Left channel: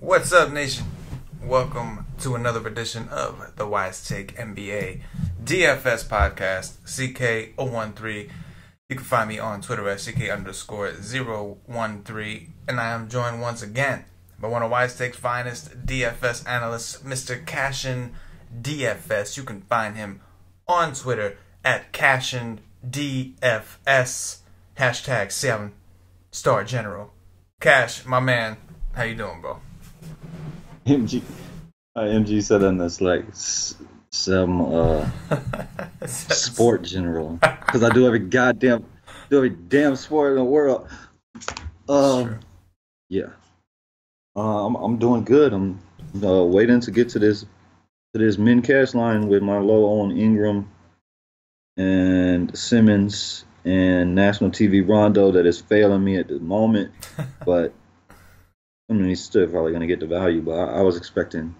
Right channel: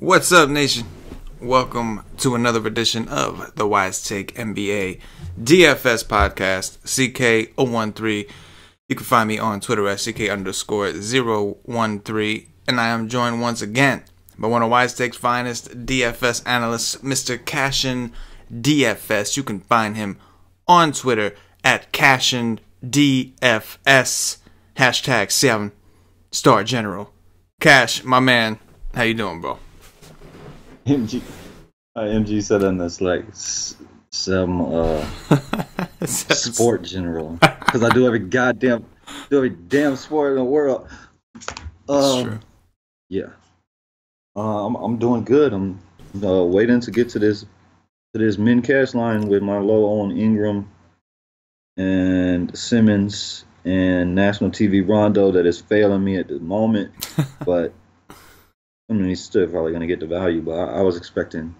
What's up, nation? Welcome to another edition of the Wise Take NBA DFS podcast, CK013. You can find me on Twitter at CK_013, and I am joined once again by one of Wise Take's finest DFS analysts, Mr. CashinDFS. You can find him on Twitter at CashinDFS, hashtag 7-star general. Cash, my man, how you doing, bro? MG said in this like some sport general, because I do every damn sport in the world. Yeah, I'm doing good. I'm waiting to get to this min cash line with my low on Ingram and Simmons and national TV Rondo that is failing me at the moment, but. I mean, he's still probably going to get the value, but I was expecting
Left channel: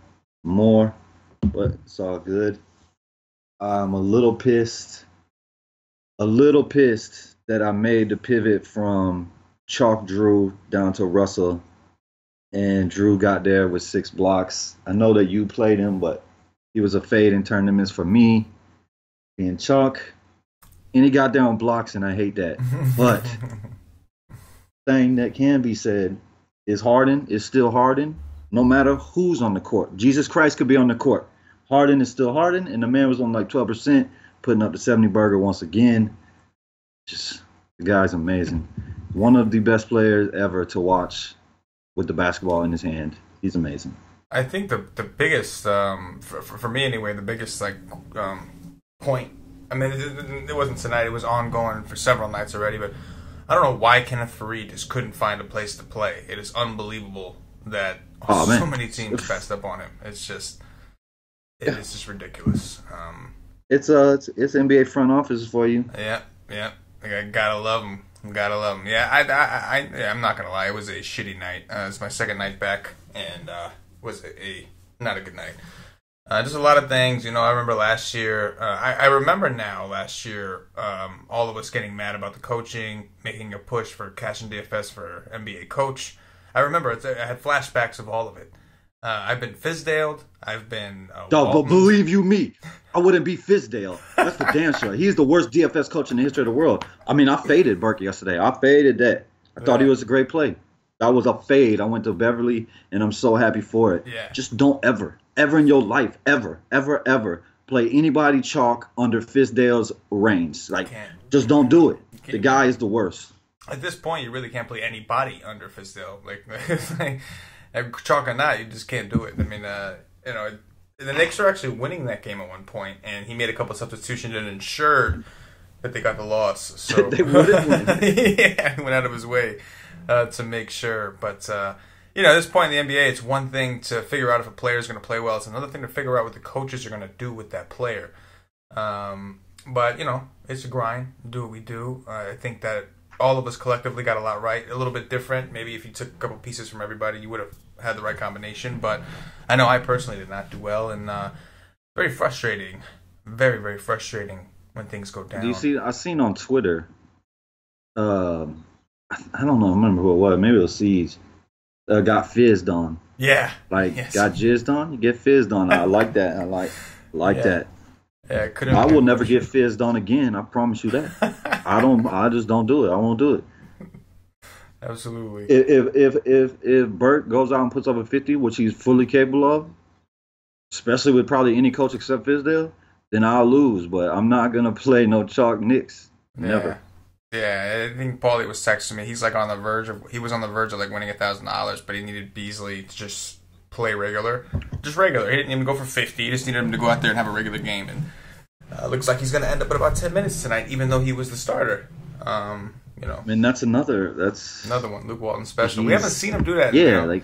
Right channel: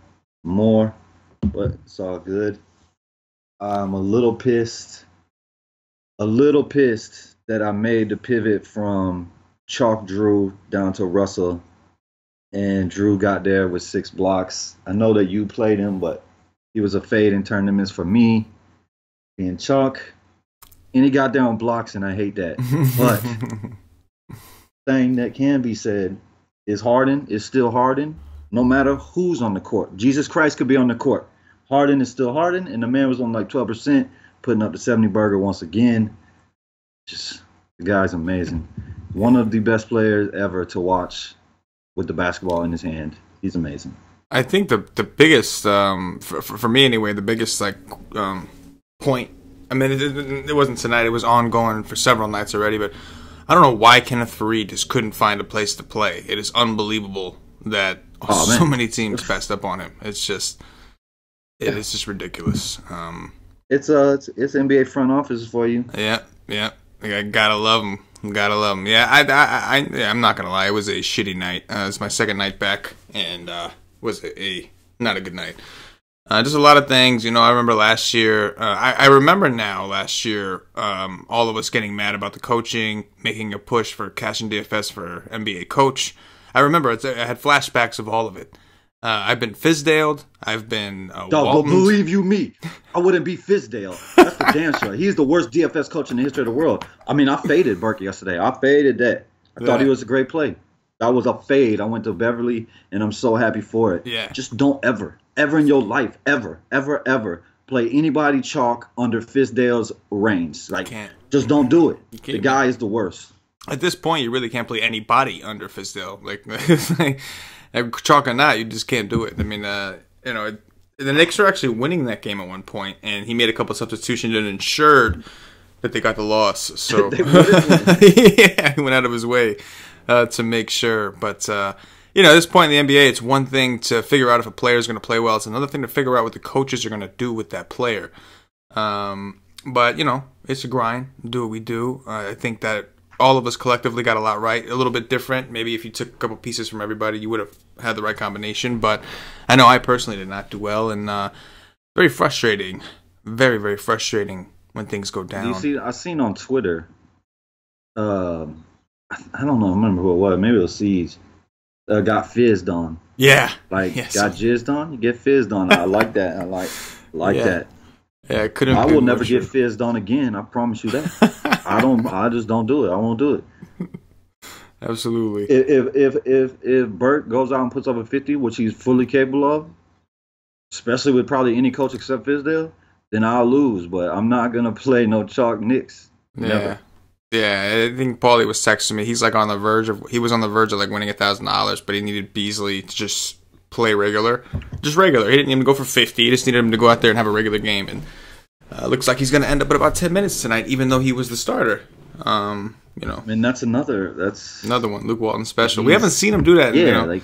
more, but it's all good. I'm a little pissed that I made the pivot from Chalk Drew down to Russell, and Drew got there with 6 blocks. I know that you played him, but he was a fade in tournaments for me, being Chalk, and he got there on blocks, and I hate that. But thing that can be said is Harden is still Harden, no matter who's on the court. Jesus Christ could be on the court. Harden is still Harden, and the man was on like 12%, putting up the 70 burger once again. Just, the guy's amazing. One of the best players ever to watch with the basketball in his hand. He's amazing. I think the biggest, for me anyway, the biggest point, I mean, it wasn't tonight, it was ongoing for several nights already, but I don't know why Kenneth Faried just couldn't find a place to play. It is unbelievable that so many teams passed up on him. It's just, it's just ridiculous. It's NBA front office for you. Yeah. I gotta love him. Yeah, I'm not gonna lie. It was a shitty night. It's my second night back, and was not a good night. Just a lot of things, I remember last year, I remember now last year, all of us getting mad about the coaching, making a push for CashinDFS for NBA coach. I remember, I had flashbacks of all of it. I've been Fizdaled, I've been Dog, but believe you me, I wouldn't be Fizdale. That's for damn sure. He's the worst DFS coach in the history of the world. I mean, I faded Burke yesterday. I faded that. I thought he was a great play. That was a fade. I went to Beverly, and I'm so happy for it. Yeah. Just don't ever in your life, ever play anybody chalk under Fizdale's reigns. Like, just don't do it. The guy is the worst. At this point, you really can't play anybody under Fizdale. Like chalk or not, you just can't do it. I mean, the Knicks were actually winning that game at one point, and he made a couple substitutions and ensured that they got the loss. So they wouldn't win. Yeah, he went out of his way to make sure, but. At this point in the NBA, it's one thing to figure out if a player is going to play well. It's another thing to figure out what the coaches are going to do with that player. But, it's a grind. Do what we do. I think that all of us collectively got a lot right. A little bit different. Maybe if you took a couple pieces from everybody, you would have had the right combination. But I know I personally did not do well. And very frustrating. Very, very frustrating when things go down. Do you see? I seen on Twitter, I don't know, I remember who it was. Maybe it was Siege. Got fizzed on. Yeah. Got jizzed on? You get fizzed on. I like that. I like that. Yeah, I will never get fizzed on again. I promise you that. I just don't do it. I won't do it. Absolutely. If Burt goes out and puts up a 50, which he's fully capable of, especially with probably any coach except Fizdale, then I'll lose. But I'm not gonna play no chalk Knicks. Never. Yeah, I think Paulie was texting me. He's like on the verge of like winning $1,000, but he needed Beasley to just play regular. Just regular. He didn't even go for 50. He just needed him to go out there and have a regular game. And looks like he's going to end up at about 10 minutes tonight, even though he was the starter. And that's another one, Luke Walton special. We haven't seen him do that. Yeah,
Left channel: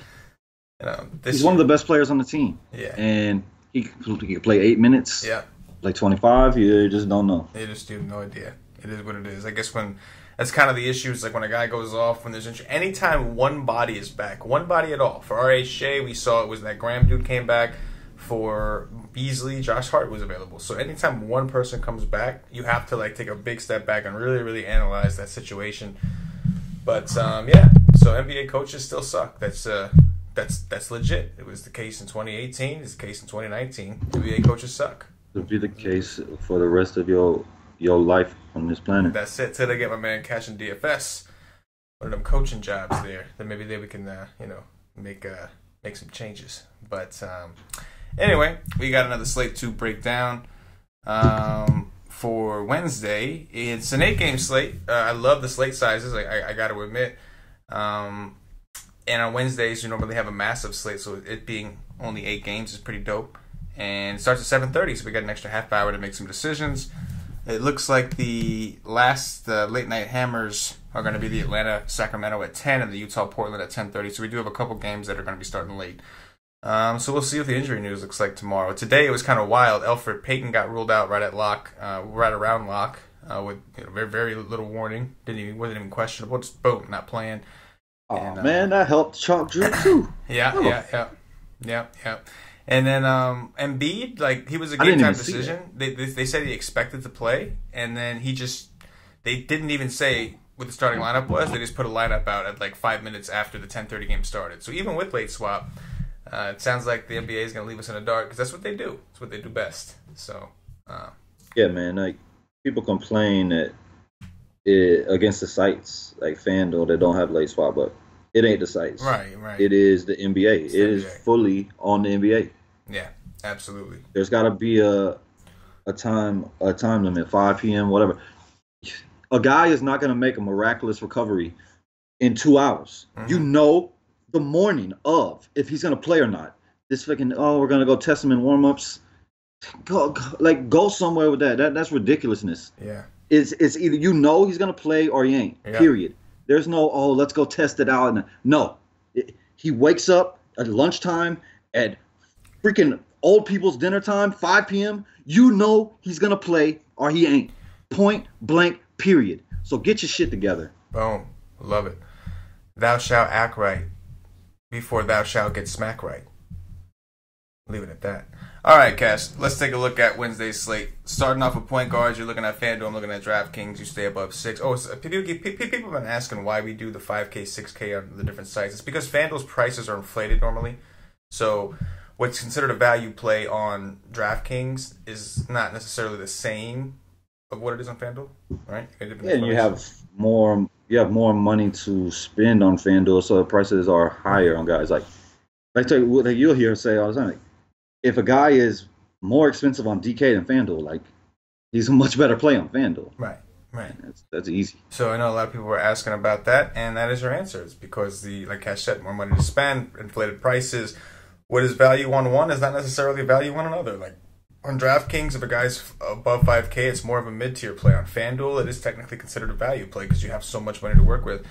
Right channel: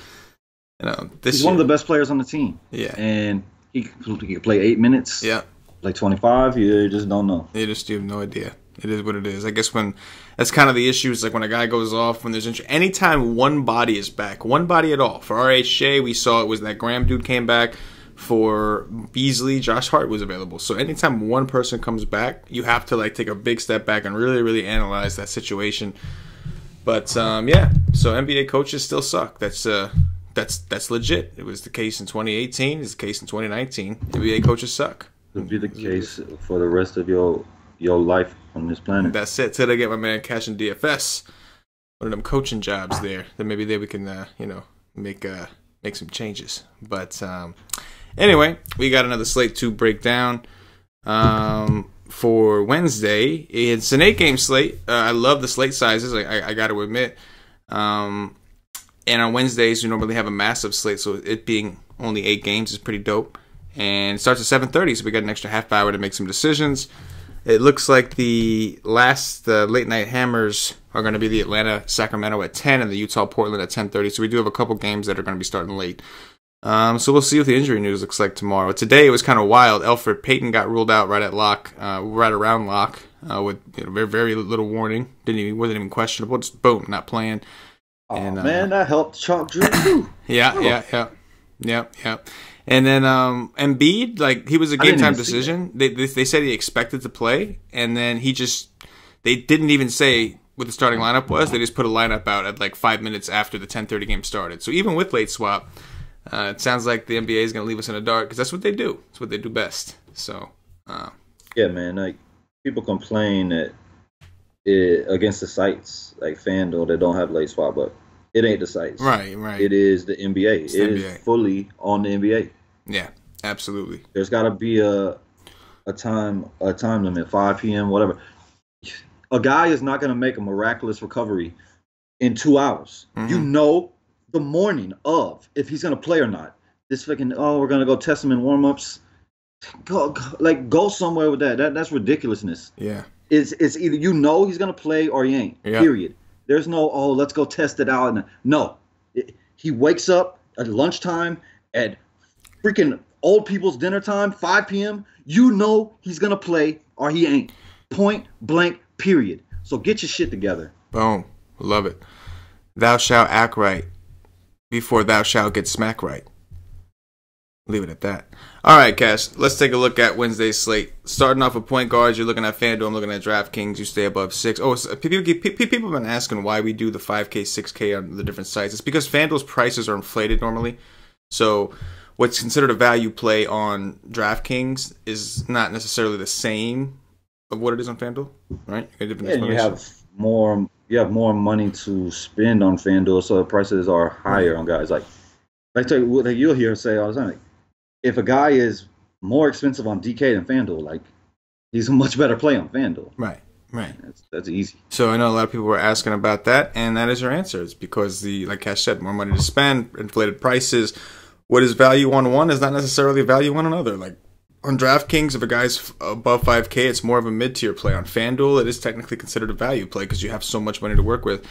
he's one of the best players on the team. Yeah. And he can play 8 minutes. Yeah. Like 25, you just don't know. You have no idea. It is what it is. I guess that's kind of the issue. Is like when a guy goes off, when there's injury. Anytime one body is back, one body at all. For R.A. Shea, we saw it was that Graham dude came back. For Beasley, Josh Hart was available. So anytime one person comes back, you have to take a big step back and really, really analyze that situation. But so NBA coaches still suck. That's that's legit. It was the case in 2018. It's the case in 2019. NBA coaches suck. It'll be the case for the rest of your life on this planet. That's it. Till they get my man CashinDFS, one of them coaching jobs there. Then maybe we can make some changes. But anyway, we got another slate to break down for Wednesday. It's an 8-game slate. I love the slate sizes. I got to admit. And on Wednesdays, we normally have a massive slate, so it being only 8 games is pretty dope. And it starts at 7:30, so we got an extra half hour to make some decisions. It looks like the last late night hammers are going to be the Atlanta-Sacramento at 10 and the Utah-Portland at 10:30. So we do have a couple games that are going to be starting late. So we'll see what the injury news looks like tomorrow. Today it was kind of wild. Elfrid Payton got ruled out right around lock with very, very little warning. Wasn't even questionable. Just boom, not playing. Oh man, that helped Chalk Drew too. Yeah. And then Embiid, like, he was a game time decision. They said he expected to play, and then they didn't even say what the starting lineup was. They just put a lineup out at like 5 minutes after the 10:30 game started. So even with late swap, it sounds like the NBA is going to leave us in the dark because that's what they do. It's what they do best. So yeah, man. Like, people complain that against the sites like FanDuel that don't have late swap, but it ain't the sites. Right. It is the NBA. It is fully on the NBA. Yeah, absolutely. There's got to be a time limit, 5 p.m., whatever. A guy is not going to make a miraculous recovery in 2 hours. Mm-hmm. You know the morning of if he's going to play or not. This fucking, we're going to go test him in warm-ups. Go somewhere with that. That's ridiculousness. Yeah. It's either he's going to play or he ain't, period. There's no, let's go test it out. No. He wakes up at lunchtime, at freaking old people's dinner time, 5 p.m. You know he's going to play or he ain't. Point blank, period. So get your shit together. Boom. Love it. Thou shalt act right before thou shalt get smack right. Leave it at that. All right, Cash. Let's take a look at Wednesday's slate. Starting off with point guards, you're looking at FanDuel. I'm looking at DraftKings. You stay above 6. So people have been asking why we do the 5K, 6K on the different sites. It's because FanDuel's prices are inflated normally. So what's considered a value play on DraftKings is not necessarily the same of what it is on FanDuel, right? And you have more money to spend on FanDuel, so the prices are higher on guys. Like you'll hear say all the time, like, if a guy is more expensive on DK than FanDuel, like, he's a much better play on FanDuel. Right. That's easy. So I know a lot of people were asking about that, and that is your answer. It's because like Cash said, more money to spend, inflated prices. What is value on one is not necessarily value on another. Like on DraftKings, if a guy's above 5K, it's more of a mid-tier play. On FanDuel, it is technically considered a value play because you have so much money to work with.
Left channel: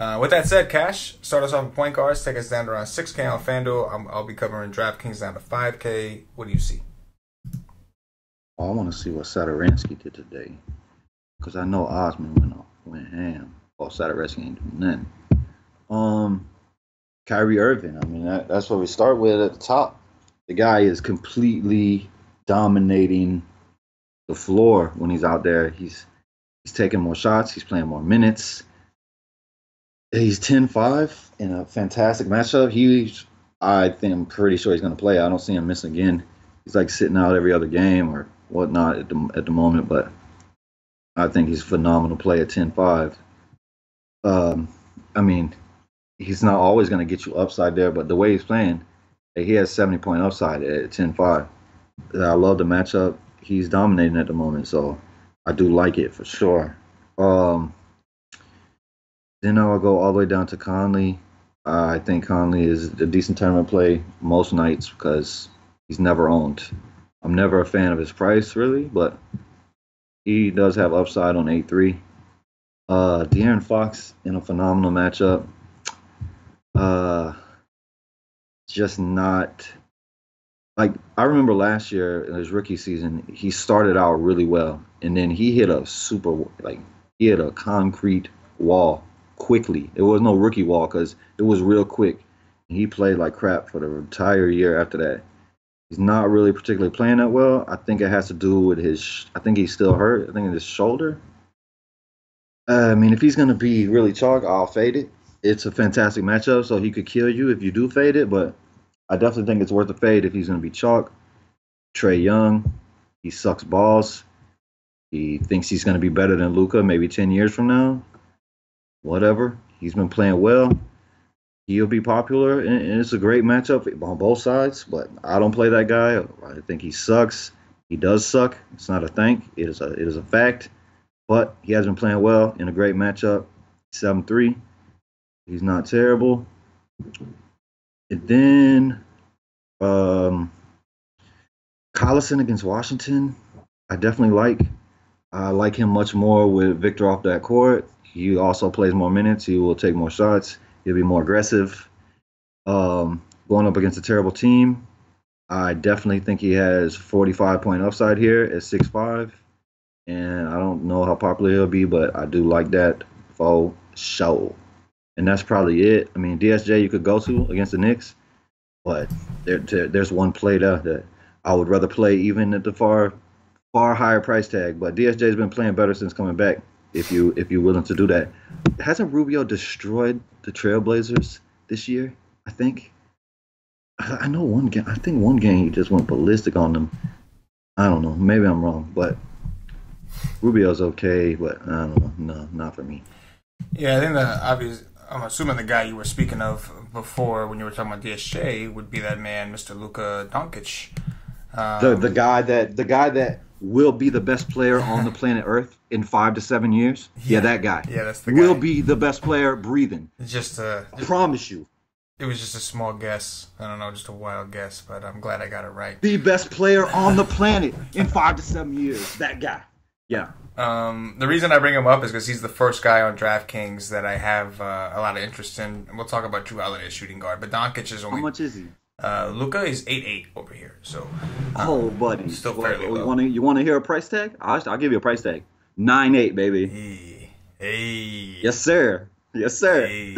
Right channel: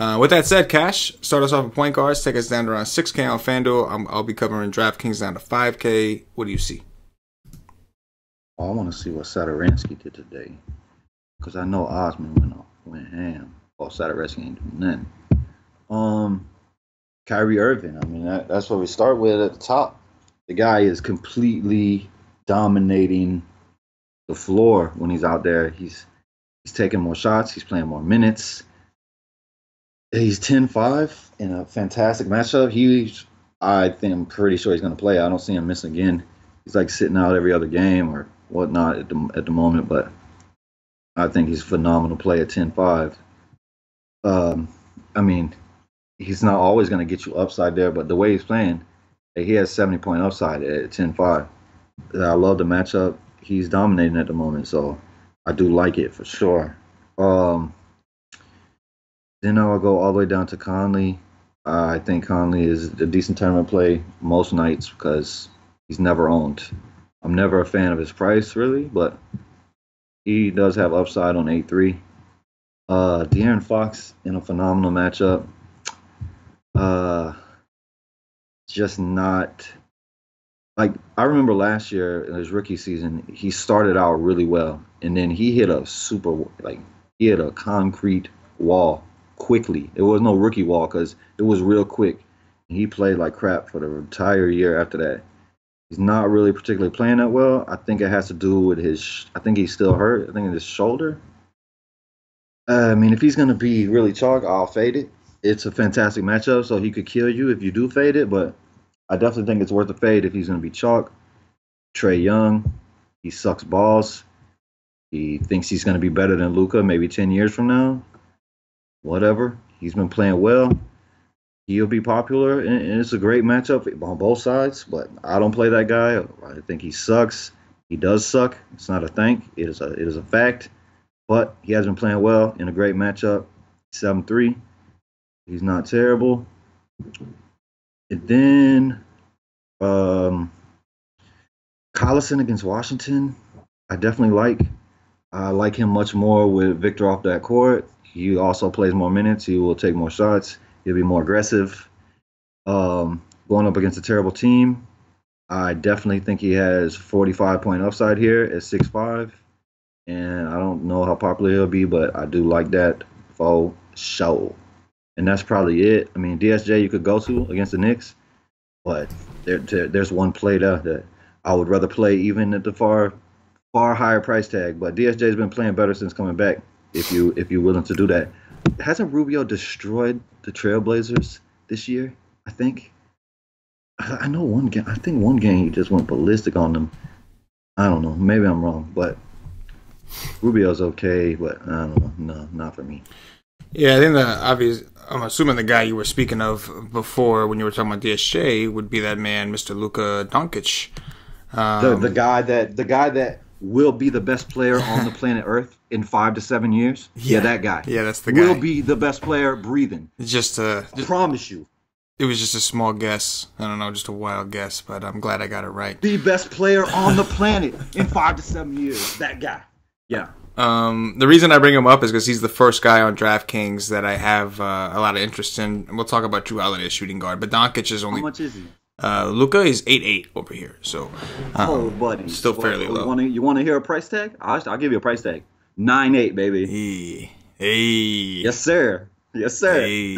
With that said, Cash, start us off with point guards. Take us down to around 6K on FanDuel. I'll be covering DraftKings down to 5K. What do you see? I want to see what Satoransky did today, because I know Osman went ham. Satoransky ain't doing nothing. Kyrie Irving. I mean, that's what we start with at the top. The guy is completely dominating the floor when he's out there. He's taking more shots. He's playing more minutes. He's 10-5 in a fantastic matchup. I'm pretty sure he's going to play. I don't see him miss again. He's like sitting out every other game or whatnot at the moment, but I think he's a phenomenal play at 10-5. I mean, he's not always going to get you upside there, but the way he's playing, he has 70-point upside at 10-5. I love the matchup. He's dominating at the moment, so I do like it for sure. Then I'll go all the way down to Conley. I think Conley is a decent tournament play most nights because he's never owned. I'm never a fan of his price, really, but he does have upside on 8-3. De'Aaron Fox in a phenomenal matchup. Just not... Like, I remember last year in his rookie season, he started out really well, and then he hit a concrete wall quickly. It was no rookie wall because it was real quick. He played like crap for the entire year after that. He's not really particularly playing that well. I think it has to do with I think he's still hurt. I think it's his shoulder. I mean, if he's going to be really chalk, I'll fade it. it's a fantastic matchup, so he could kill you if you do fade it. But I definitely think it's worth a fade if he's going to be chalk. Trae Young, he sucks balls. He thinks he's going to be better than Luka maybe 10 years from now. Whatever. He's been playing well. He'll be popular, and it's a great matchup on both sides. But I don't play that guy. I think he sucks. He does suck. It's not a think. It is a fact. But he has been playing well in a great matchup. 7-3. He's not terrible. And then Collison against Washington, I definitely like. I like him much more with Victor off that court. He also plays more minutes. He will take more shots. He'll be more aggressive. Going up against a terrible team, I definitely think he has 45-point upside here at 6'5". And I don't know how popular he'll be, but I do like that for sure. And that's probably it. I mean, DSJ you could go to against the Knicks, but there's one play there that I would rather play even at the far higher price tag. But DSJ's been playing better since coming back. If you're willing to do that, hasn't Rubio destroyed the Trailblazers this year? I think. I know one game. I think one game he just went ballistic on them. I don't know. Maybe I'm wrong, but Rubio's okay. But I don't know. No, not for me. Yeah, I think the obvious. I'm assuming the guy you were speaking of before when you were talking about DSJ would be that man, Mr. Luka Doncic. The guy that will be the best player on the planet Earth in 5 to 7 years. Yeah, that guy. Yeah, that's the guy. Will be the best player breathing. Promise you. It was just a small guess. I don't know, just a wild guess, but I'm glad I got it right. The best player on the planet in 5 to 7 years. That guy. Yeah. The reason I bring him up is because he's the first guy on DraftKings that I have a lot of interest in. And we'll talk about Drew Holiday shooting guard, but Doncic is only. How much is he? Luka is 8.8 over here, so. Buddy, still fairly low. You want to hear a price tag? I'll give you a price tag. 9.8, baby. Hey. Yes, sir. Yes, sir. Hey.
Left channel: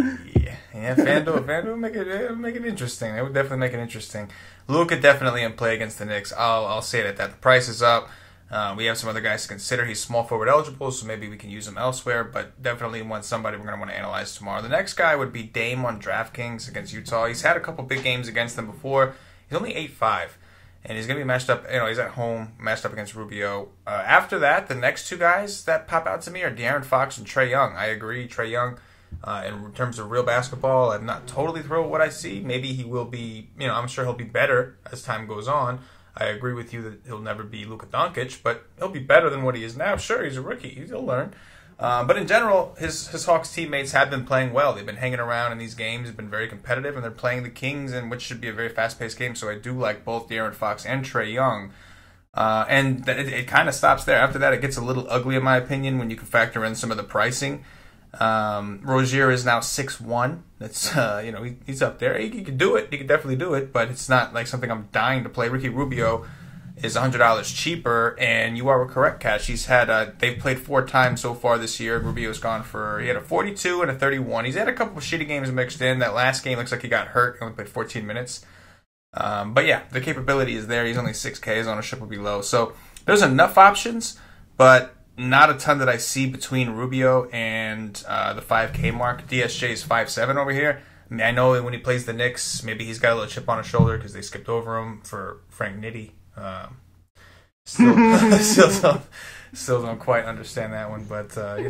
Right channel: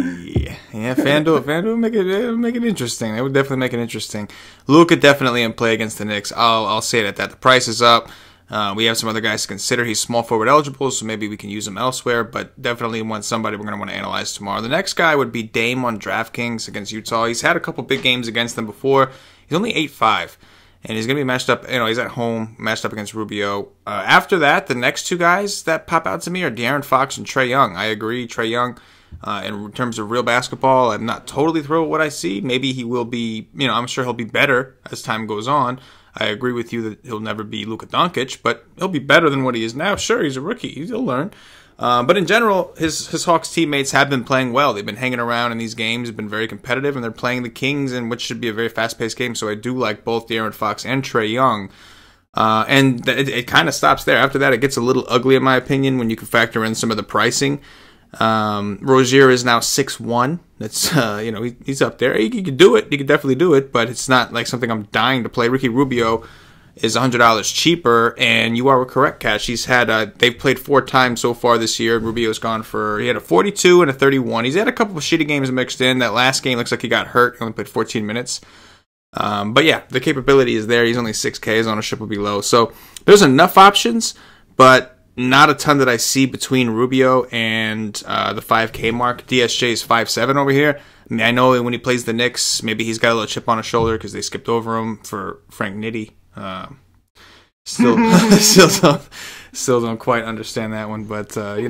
Yeah, FanDuel make it interesting. They would definitely make it interesting. Luka definitely in play against the Knicks. I'll say it at that. The price is up. We have some other guys to consider. He's small forward eligible, so maybe we can use him elsewhere, but definitely somebody we're going to want to analyze tomorrow. The next guy would be Dame on DraftKings against Utah. He's had a couple big games against them before. He's only 8'5", and he's going to be matched up, he's at home, matched up against Rubio. After that, the next two guys that pop out to me are De'Aaron Fox and Trae Young. I agree, Trae Young, in terms of real basketball, I'm not totally thrilled with what I see. Maybe he will be, I'm sure he'll be better as time goes on. I agree with you that he'll never be Luka Doncic, but he'll be better than what he is now. Sure, he's a rookie. He'll learn. But in general, his Hawks teammates have been playing well. They've been hanging around in these games, have been very competitive, and they're playing the Kings, in which should be a very fast-paced game. So I do like both De'Aaron Fox and Trae Young. And it kind of stops there. After that, it gets a little ugly, in my opinion, when you can factor in some of the pricing. Rozier is now 6'1". That's he's up there. He could do it. He could definitely do it, but it's not like something I'm dying to play. Ricky Rubio is $100 cheaper, and you are correct, Cash. He's had they've played 4 times so far this year. Rubio's gone he had a 42 and a 31. He's had a couple of shitty games mixed in. That last game looks like he got hurt. He only played 14 minutes. But yeah, the capability is there. He's only 6K. His ownership will be low. So there's enough options, but not a ton that I see between Rubio and the 5K mark. DSJ is 5'7" over here. I mean, I know when he plays the Knicks, maybe he's got a little chip on his shoulder because they skipped over him for Frank Nitti. Still don't quite understand that one, but hey,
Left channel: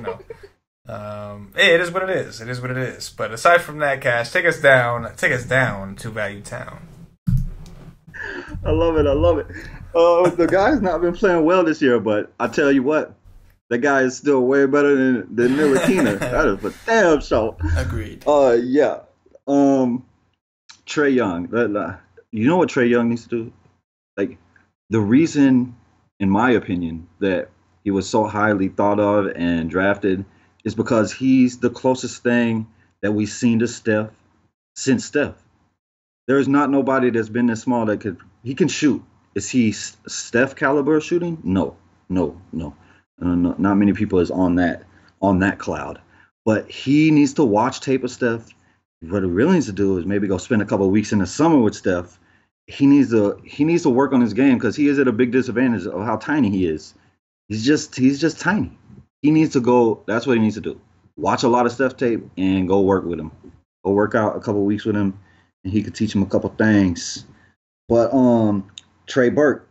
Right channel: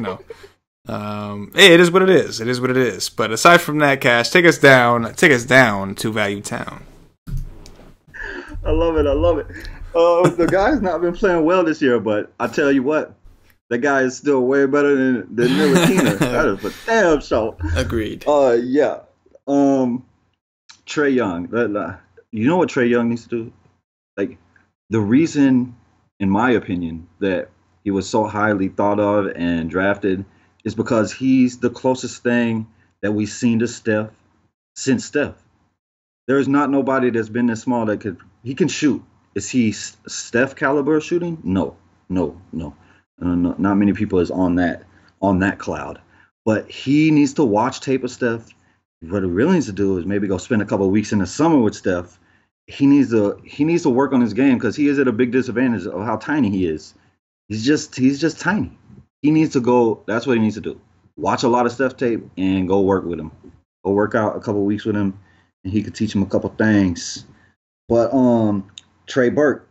it is what it is. It is what it is. But aside from that, Cash, take us down to Value Town. I love it. The guy's not been playing well this year, but I tell you what, that guy is still way better than Ntilikina. That is for damn sure. Agreed. Yeah. Trae Young. You know what Trae Young needs to do? Like, the reason, in my opinion, that he was so highly thought of and drafted is because he's the closest thing that we've seen to Steph since Steph. There's not nobody that's been this small that he can shoot. Is he Steph caliber shooting? No. Not many people is on that cloud. But he needs to watch tape of Steph. What he really needs to do is maybe go spend a couple of weeks in the summer with Steph. He needs to work on his game because he is at a big disadvantage of how tiny he is. He's just tiny. He needs to go. That's what he needs to do. Watch a lot of Steph tape and go work with him. Go work out a couple weeks with him, and he could teach him a couple things. But Trey Burke,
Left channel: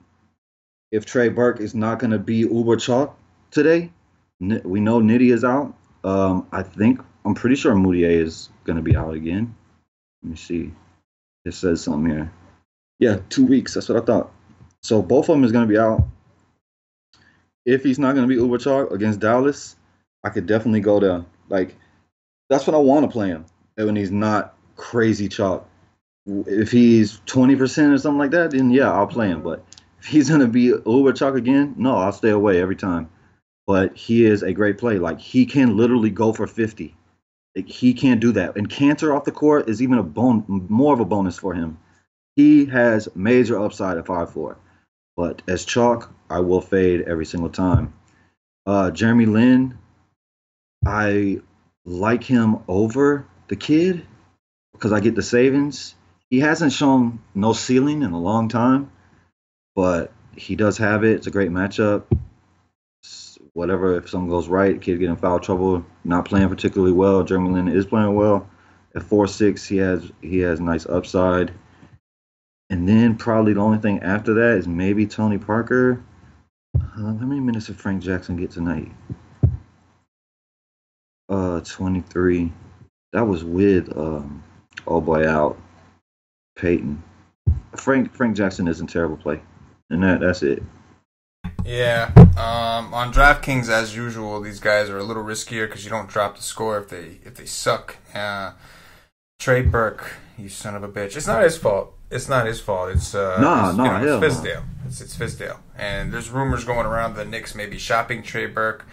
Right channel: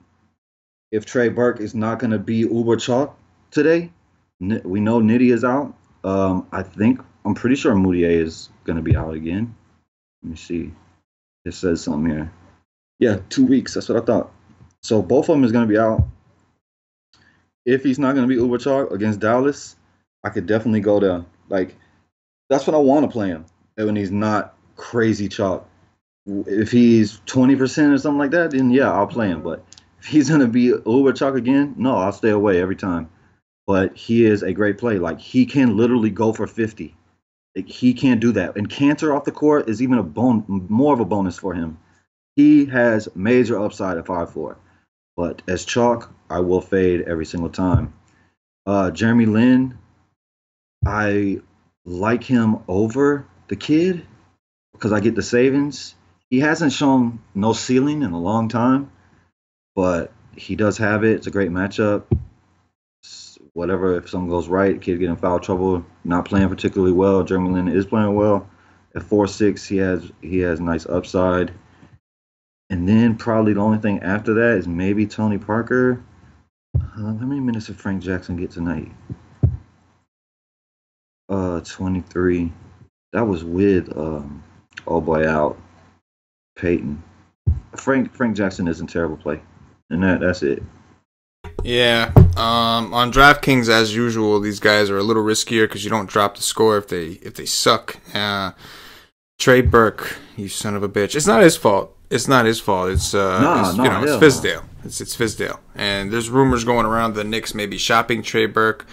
if Trey Burke is not going to be uber chalk today, we know Nitty is out. I'm pretty sure Moutier is going to be out again. Let me see. It says something here. Yeah, 2 weeks. That's what I thought. So both of them is going to be out. If he's not going to be uber chalk against Dallas, I could definitely go there. Like, that's when I want to play him. When he's not crazy chalk. If he's 20% or something like that, then yeah, I'll play him. But if he's going to be uber chalk again, no, I'll stay away every time. But he is a great play. Like, he can literally go for 50. Like, he can't do that. And Cantor off the court is even more of a bonus for him. He has major upside at 5'4". But as chalk, I will fade every single time. Jeremy Lin, I like him over the kid because I get the savings. He hasn't shown no ceiling in a long time, but he does have it. It's a great matchup. Whatever, if something goes right, kid get in foul trouble, not playing particularly well. Jeremy Lin is playing well. At 4'6", he has nice upside. And then probably the only thing after that is maybe Tony Parker. How many minutes did Frank Jackson get tonight? 23. That was with oh boy out Peyton. Frank Jackson isn't terrible play, and that's it. Yeah. On DraftKings, as usual, these guys are a little riskier because you don't drop the score if they suck. Trey Burke, you son of a bitch. It's not his fault. It's it's Fizdale. It's Fizdale, and there's rumors going around the Knicks may be shopping Trey Burke.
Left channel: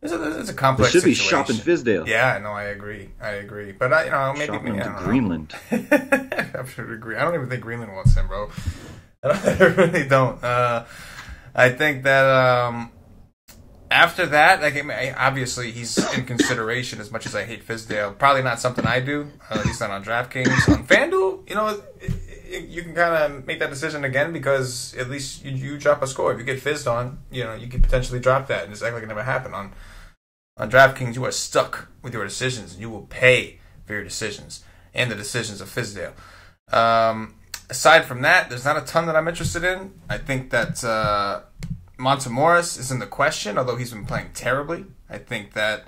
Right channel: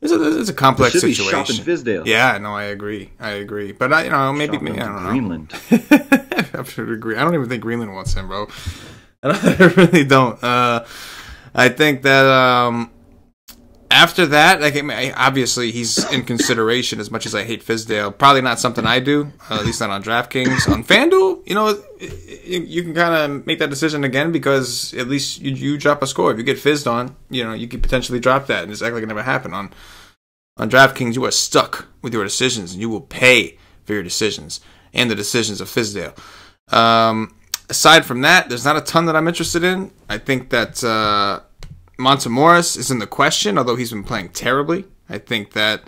It's a complex situation. Should be shopping Fizdale. Yeah, no, I agree. But maybe shopping I don't know. Greenland. I should agree. I don't even think Greenland wants him, bro. I really don't. I think that after that, obviously he's in consideration as much as I hate Fizdale. Probably not something I do, at least not on DraftKings. On FanDuel, you can kind of make that decision again because at least you drop a score. If you get fizzed on, you could potentially drop that, and it's actually going to happen. On DraftKings, you are stuck with your decisions, and you will pay for your decisions and the decisions of Fizdale. Aside from that, there's not a ton that I'm interested in. I think that Montemorris is in the question, although he's been playing terribly. I think that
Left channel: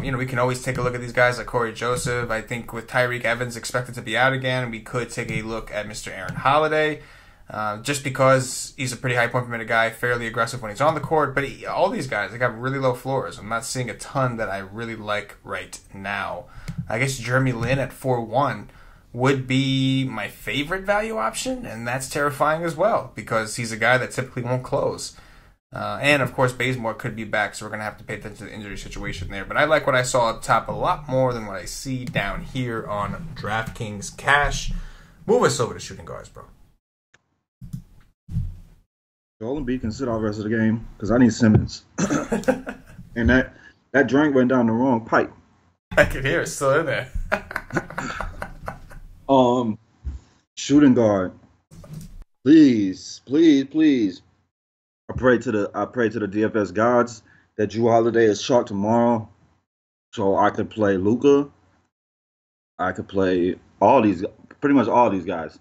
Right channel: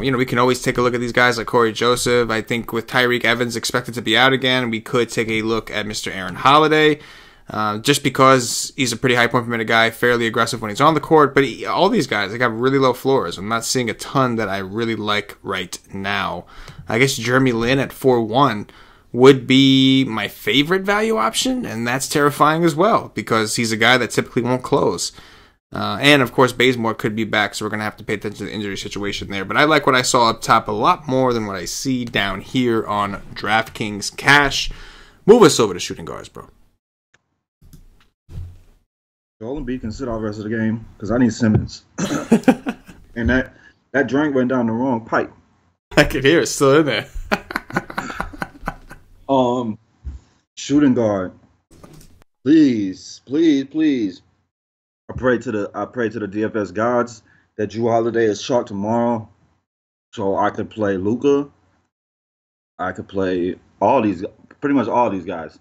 we can always take a look at these guys like Corey Joseph. I think with Tyreek Evans expected to be out again, we could take a look at Mr. Aaron Holiday, just because he's a pretty high point per minute guy, fairly aggressive when he's on the court. But all these guys, they got really low floors. I'm not seeing a ton that I really like right now. I guess Jeremy Lin at 4-1 would be my favorite value option, and that's terrifying as well because he's a guy that typically won't close. And, of course, Bazemore could be back, so we're going to have to pay attention to the injury situation there. But I like what I saw up top a lot more than what I see down here on DraftKings Cash. Move us over to shooting guards, bro. Joel Embiid can sit out the rest of the game because I need Simmons. And that drink went down the wrong pipe. I can hear it still in there. Shooting guard. Please. I pray to the DFS gods that Drew Holiday is shot tomorrow, so I could play Luka. I could play pretty much all these guys.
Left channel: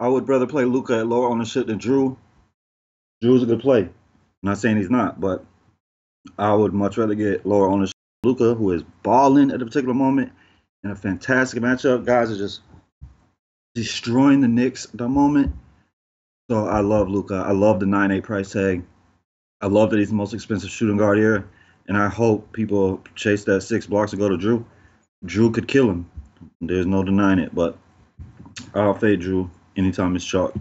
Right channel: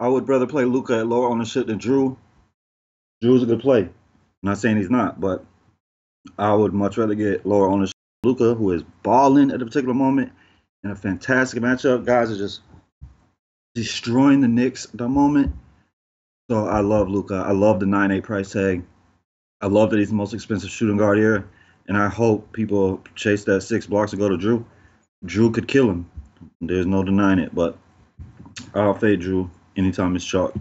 I would rather play Luka at lower ownership than Drew. Drew's a good play. I'm not saying he's not, but I would much rather get lower ownership Luka, who is balling at a particular moment in a fantastic matchup. Guys are just destroying the Knicks at the moment. So I love Luka. I love the 9.8 price tag. I love that he's the most expensive shooting guard here. And I hope people chase that 6 blocks to go to Drew. Drew could kill him. There's no denying it. But I'll fade Drew anytime it's chalk.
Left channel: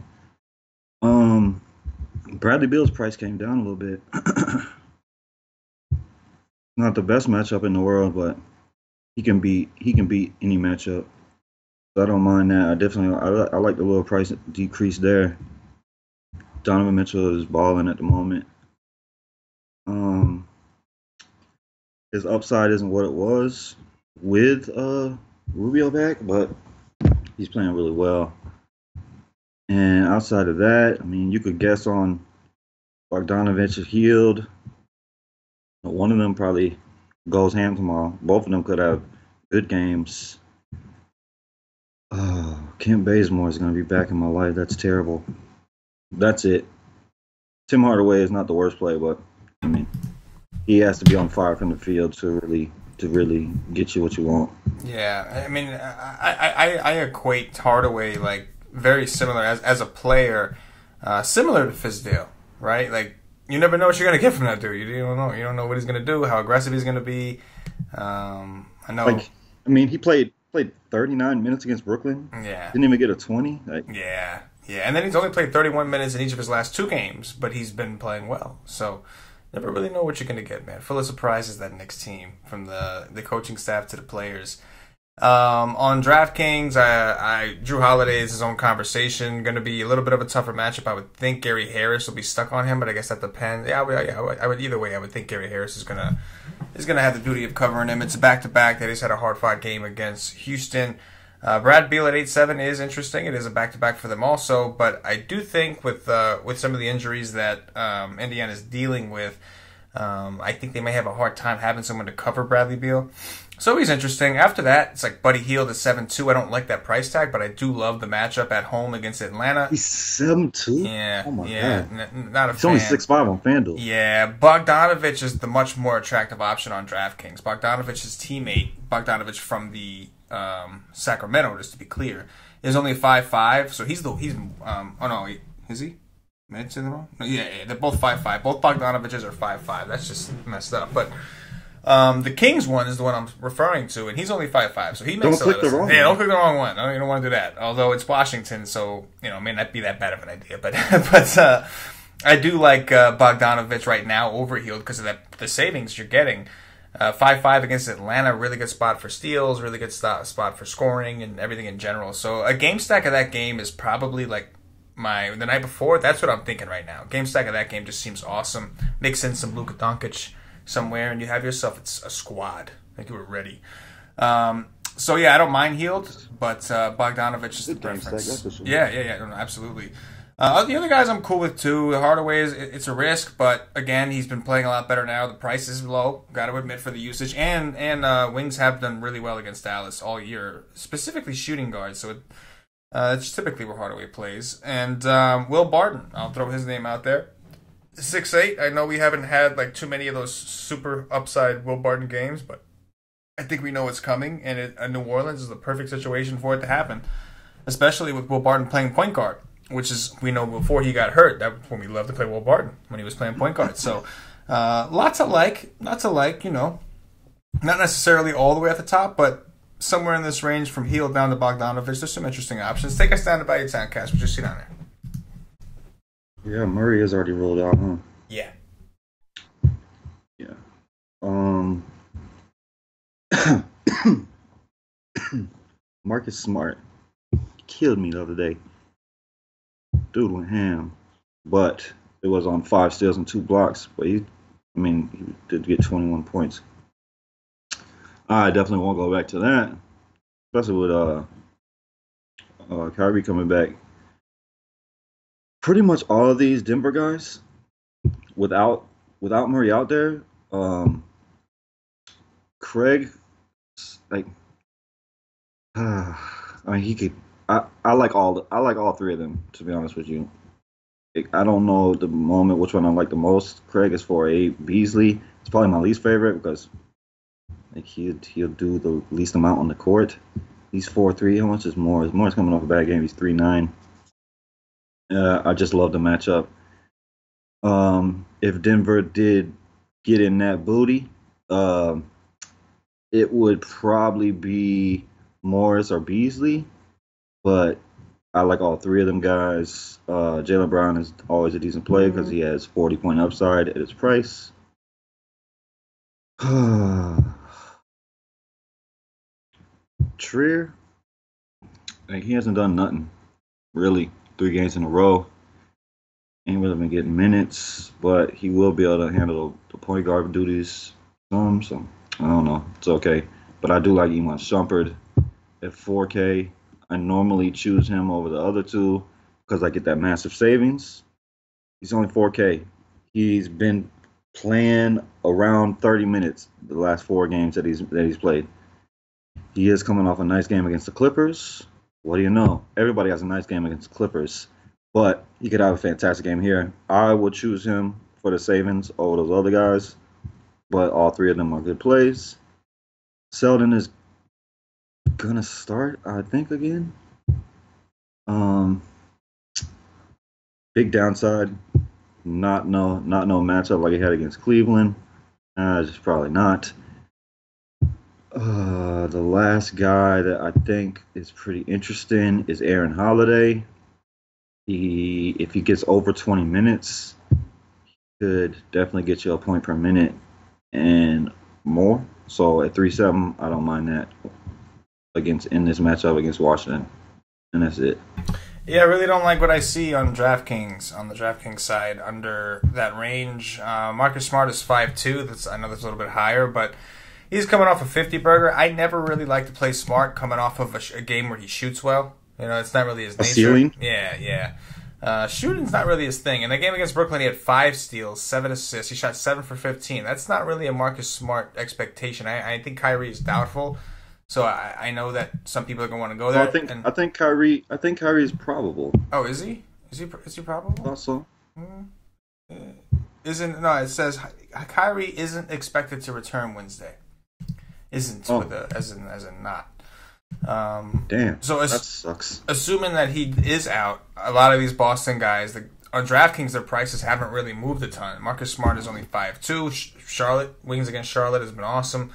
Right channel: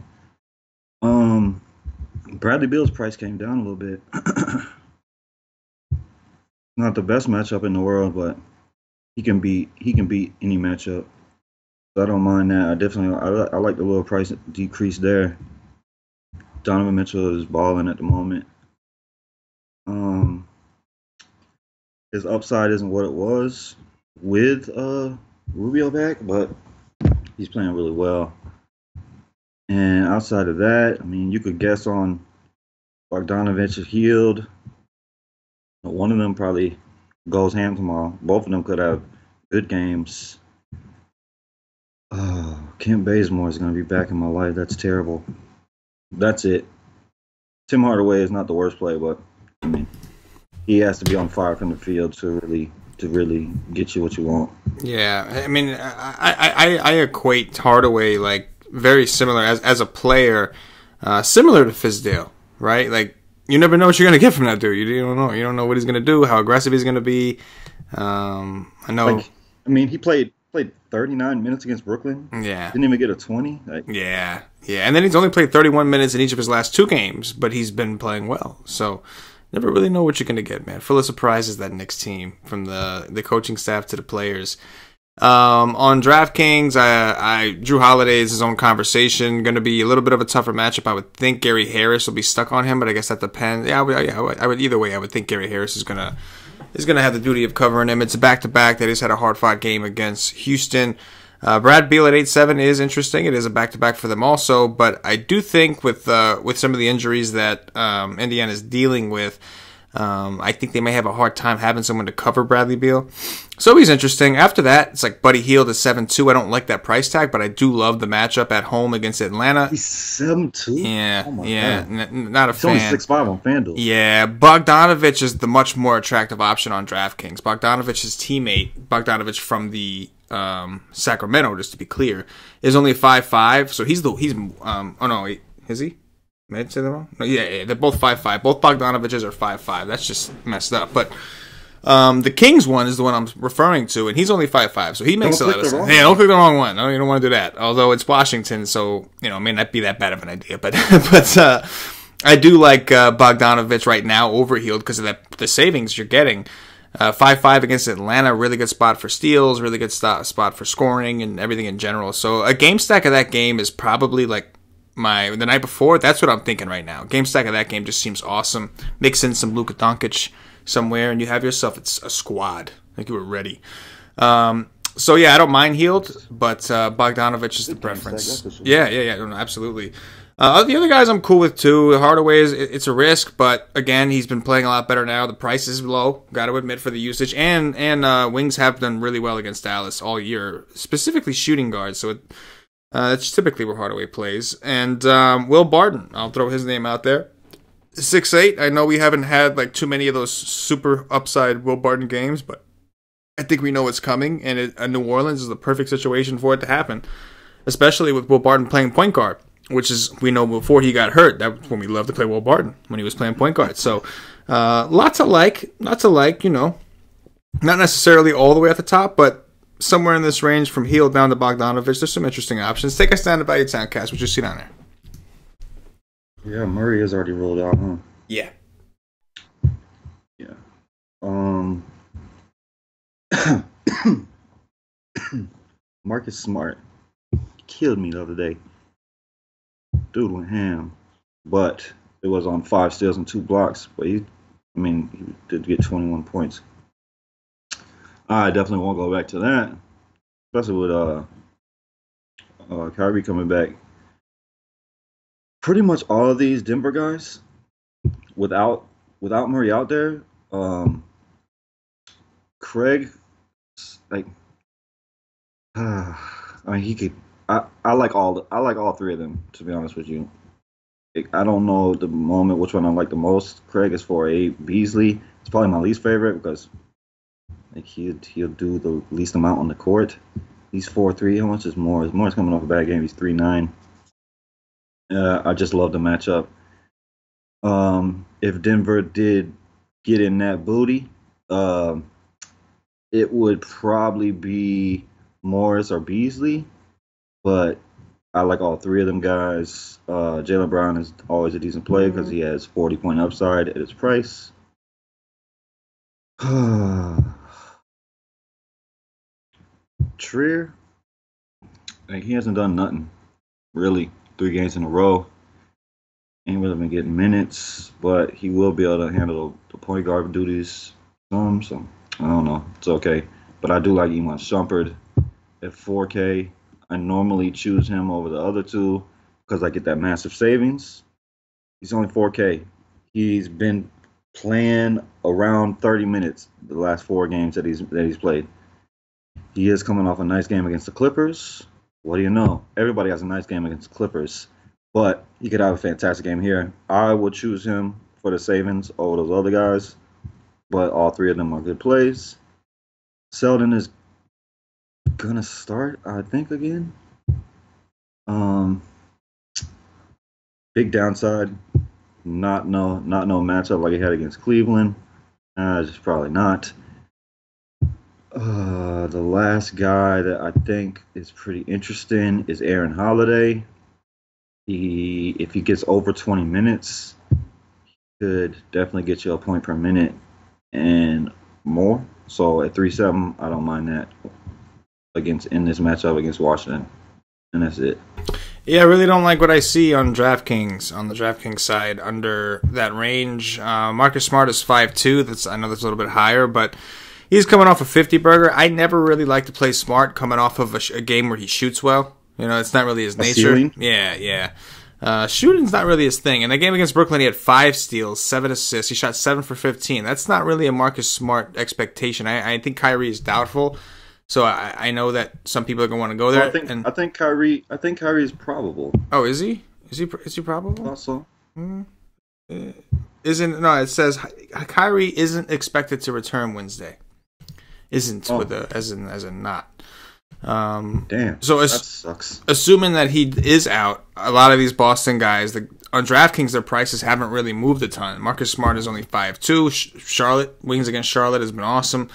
Bradley Beal's price came down a little bit. Not the best matchup in the world, but he can beat any matchup. So I don't mind that. I like the little price decrease there. Donovan Mitchell is balling at the moment. His upside isn't what it was with Rubio back, but he's playing really well. And outside of that, I mean, you could guess on Bogdanovich is healed. One of them probably goes ham tomorrow. Both of them could have good games. Oh, Kent Bazemore is going to be back in my life. That's terrible. That's it. Tim Hardaway is not the worst play, but I mean, he has to be on fire from the field to really get you what you want. Yeah, I mean, I equate Hardaway like very similar as a player, similar to Fizdale, right? Like you never know what you're gonna get from that dude. You don't know. You don't know what he's gonna do, how aggressive he's gonna be. I know. Like, I mean, he played 39 minutes against Brooklyn. Yeah, Didn't even get a 20. Like, yeah, yeah. And then he's only played 31 minutes in each of his last two games, but he's been playing well. So never really know what you're gonna get, man. Full of surprises that Knicks team, from the coaching staff to the players. On DraftKings, I Drew Holiday is his own conversation. Going to be a little bit of a tougher matchup. I would think Gary Harris will be stuck on him, but I guess that depends. Yeah, I would either way. I would think Gary Harris is gonna have the duty of covering him. It's a back-to-back that he's had a hard-fought game against Houston. Brad Beal at 8-7 is interesting. It is a back-to-back for them also, but I do think with some of the injuries that Indiana is dealing with, I think they may have a hard time having someone to cover Bradley Beal. So he's interesting. After that, it's like Buddy Hield at 7-2. I don't like that price tag, but I do love the matchup at home against Atlanta. he's 7-2. Yeah, Oh my yeah, god. not a He's fan. only 6'5" on FanDuel. Yeah, Bogdanovich is the much more attractive option on DraftKings. Bogdanovich's teammate, Bogdanovich from the Sacramento, just to be clear, is only 5'5". So he's oh no, wait, is he? Did I say that wrong? No, yeah, they're both 5'5". Both Bogdanoviches are 5'5". That's just messed up. But the Kings one is the one I'm referring to, and he's only 5'5", so he makes a lot of sense. Hey, don't click the wrong one. No, you don't want to do that. Although it's Washington, so it may not be that bad of an idea. But I do like Bogdanovich right now over Hield because of the savings you're getting. 5-5 against Atlanta, really good spot for steals, really good spot for scoring and everything in general. So a game stack of that game is probably like the night before. That's what I'm thinking right now. Game stack of that game just seems awesome. Mix in some Luka Doncic somewhere, and you have yourself a squad. Like you were ready. So yeah, I don't mind Hield, but Bogdanovich is the preference. Yeah, no, absolutely. The other guys I'm cool with too. Hardaway it's a risk, but again, he's been playing a lot better now. The price is low, got to admit, for the usage, and Wings have done really well against Dallas all year, specifically shooting guards. So it's typically where Hardaway plays. And Will Barton, I'll throw his name out there. 6'8". I know we haven't had like too many of those super upside Will Barton games, but I think we know it's coming, and New Orleans is the perfect situation for it to happen, especially with Will Barton playing point guard, which is, we know before he got hurt, that's when we loved to play Will Barton, when he was playing point guard. So lots of like, not necessarily all the way at the top, but somewhere in this range from Hield down to Bogdanovich. There's some interesting options. Take a stand at Value Town, Cash. What you see down there? Yeah, Murray is already rolled out, huh? Yeah. Yeah. Marcus Smart killed me the other day. Dude went ham, but it was on 5 steals and 2 blocks. But he did get 21 points. I definitely won't go back to that, especially with Kyrie coming back. Pretty much all of these Denver guys, without Murray out there, Craig, like, I mean, he could. I like all three of them, to be honest with you. I don't know at the moment which one I like the most. Craig is 4'8". Beasley is probably my least favorite because like he'll do the least amount on the court. He's 4'3". How much is Morris? Morris coming off a bad game. He's 3'9". I just love the matchup. If Denver did get in that booty, it would probably be Morris or Beasley, but I like all three of them guys. Jaylen Brown is always a decent play because he has 40-point upside at his price. Trier, like, he hasn't done nothing really. 3 games in a row. Ain't really been getting minutes, but he will be able to handle the point guard duties some. So I don't know. It's okay. But I do like Iman Shumpert at 4K. I normally choose him over the other two because I get that massive savings. He's only 4K. He's been playing around 30 minutes the last 4 games that he's played. He is coming off a nice game against the Clippers. what do you know? Everybody has a nice game against the Clippers, but he could have a fantastic game here. I would choose him for the savings over those other guys, but all three of them are good plays. Selden is gonna start, I think, again. Um, Big downside. Not no matchup like he had against Cleveland. Just probably not. The last guy that I think is pretty interesting is Aaron Holiday. If he gets over 20 minutes, could definitely get you a point per minute and more. So at 3-7, I don't mind that in this matchup against Washington, and that's it. Yeah, I really don't like what I see on DraftKings, on the DraftKings side, under that range. Marcus Smart is 5'2". I know that's a little bit higher, but he's coming off a 50-burger. I never really like to play Smart coming off of a game where he shoots well. You know, it's not really his nature. Ceiling? Yeah. Shooting's not really his thing. In the game against Brooklyn, he had 5 steals, 7 assists. He shot 7 for 15. That's not really a Marcus Smart expectation. I think Kyrie is doubtful. So I know that some people are gonna want to go there. Well, I think Kyrie is probable. Oh, is he? Is he probable? Also, Isn't no? It says Kyrie isn't expected to return Wednesday. Isn't with a as in not. Damn. So that sucks. Assuming that he is out, a lot of these Boston guys, on DraftKings, their prices haven't really moved a ton. Marcus Smart is only 5'2". Charlotte wings against Charlotte has been awesome.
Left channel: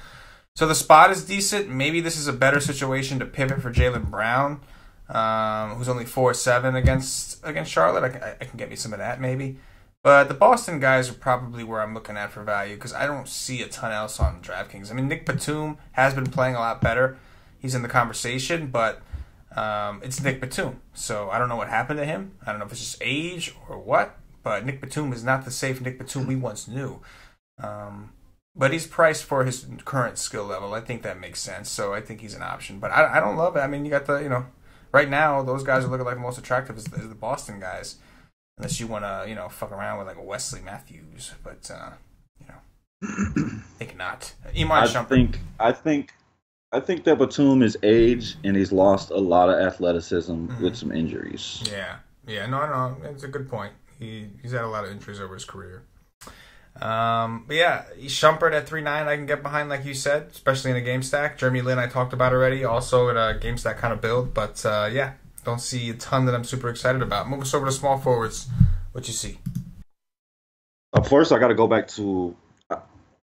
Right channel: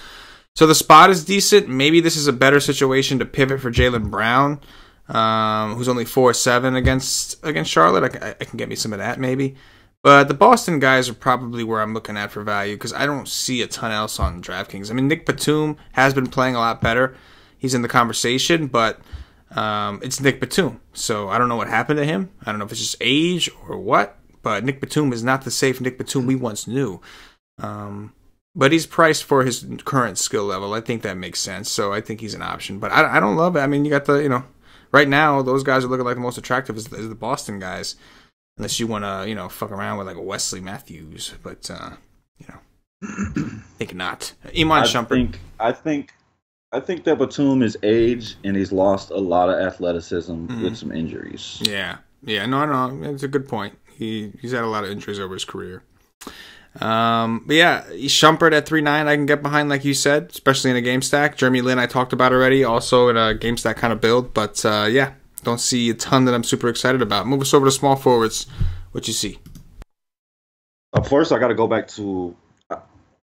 So the spot is decent. Maybe this is a better situation to pivot for Jaylen Brown, who's only 4'7" against Charlotte. I can get me some of that maybe. But the Boston guys are probably where I'm looking at for value because I don't see a ton else on DraftKings. I mean, Nick Batum has been playing a lot better. He's in the conversation, but it's Nick Batum. So I don't know what happened to him. I don't know if it's just age or what. But Nick Batum is not the safe Nick Batum we once knew. But he's priced for his current skill level. I think that makes sense. So I think he's an option. But I don't love it. I mean, you got right now, those guys are looking like the most attractive is the Boston guys. Unless you want to, fuck around with like a Wesley Matthews. But, I think not. Iman Shumpert. I think that Batum is age and he's lost a lot of athleticism with some injuries. Yeah. No. That's a good point. He's had a lot of injuries over his career. But yeah, Shumpert at 3.9 I can get behind, like you said, especially in a game stack. Jeremy Lin I talked about already, also in a game stack kind of build. But yeah, don't see a ton that I'm super excited about. Move us over to small forwards. What you see? First, I got to go back to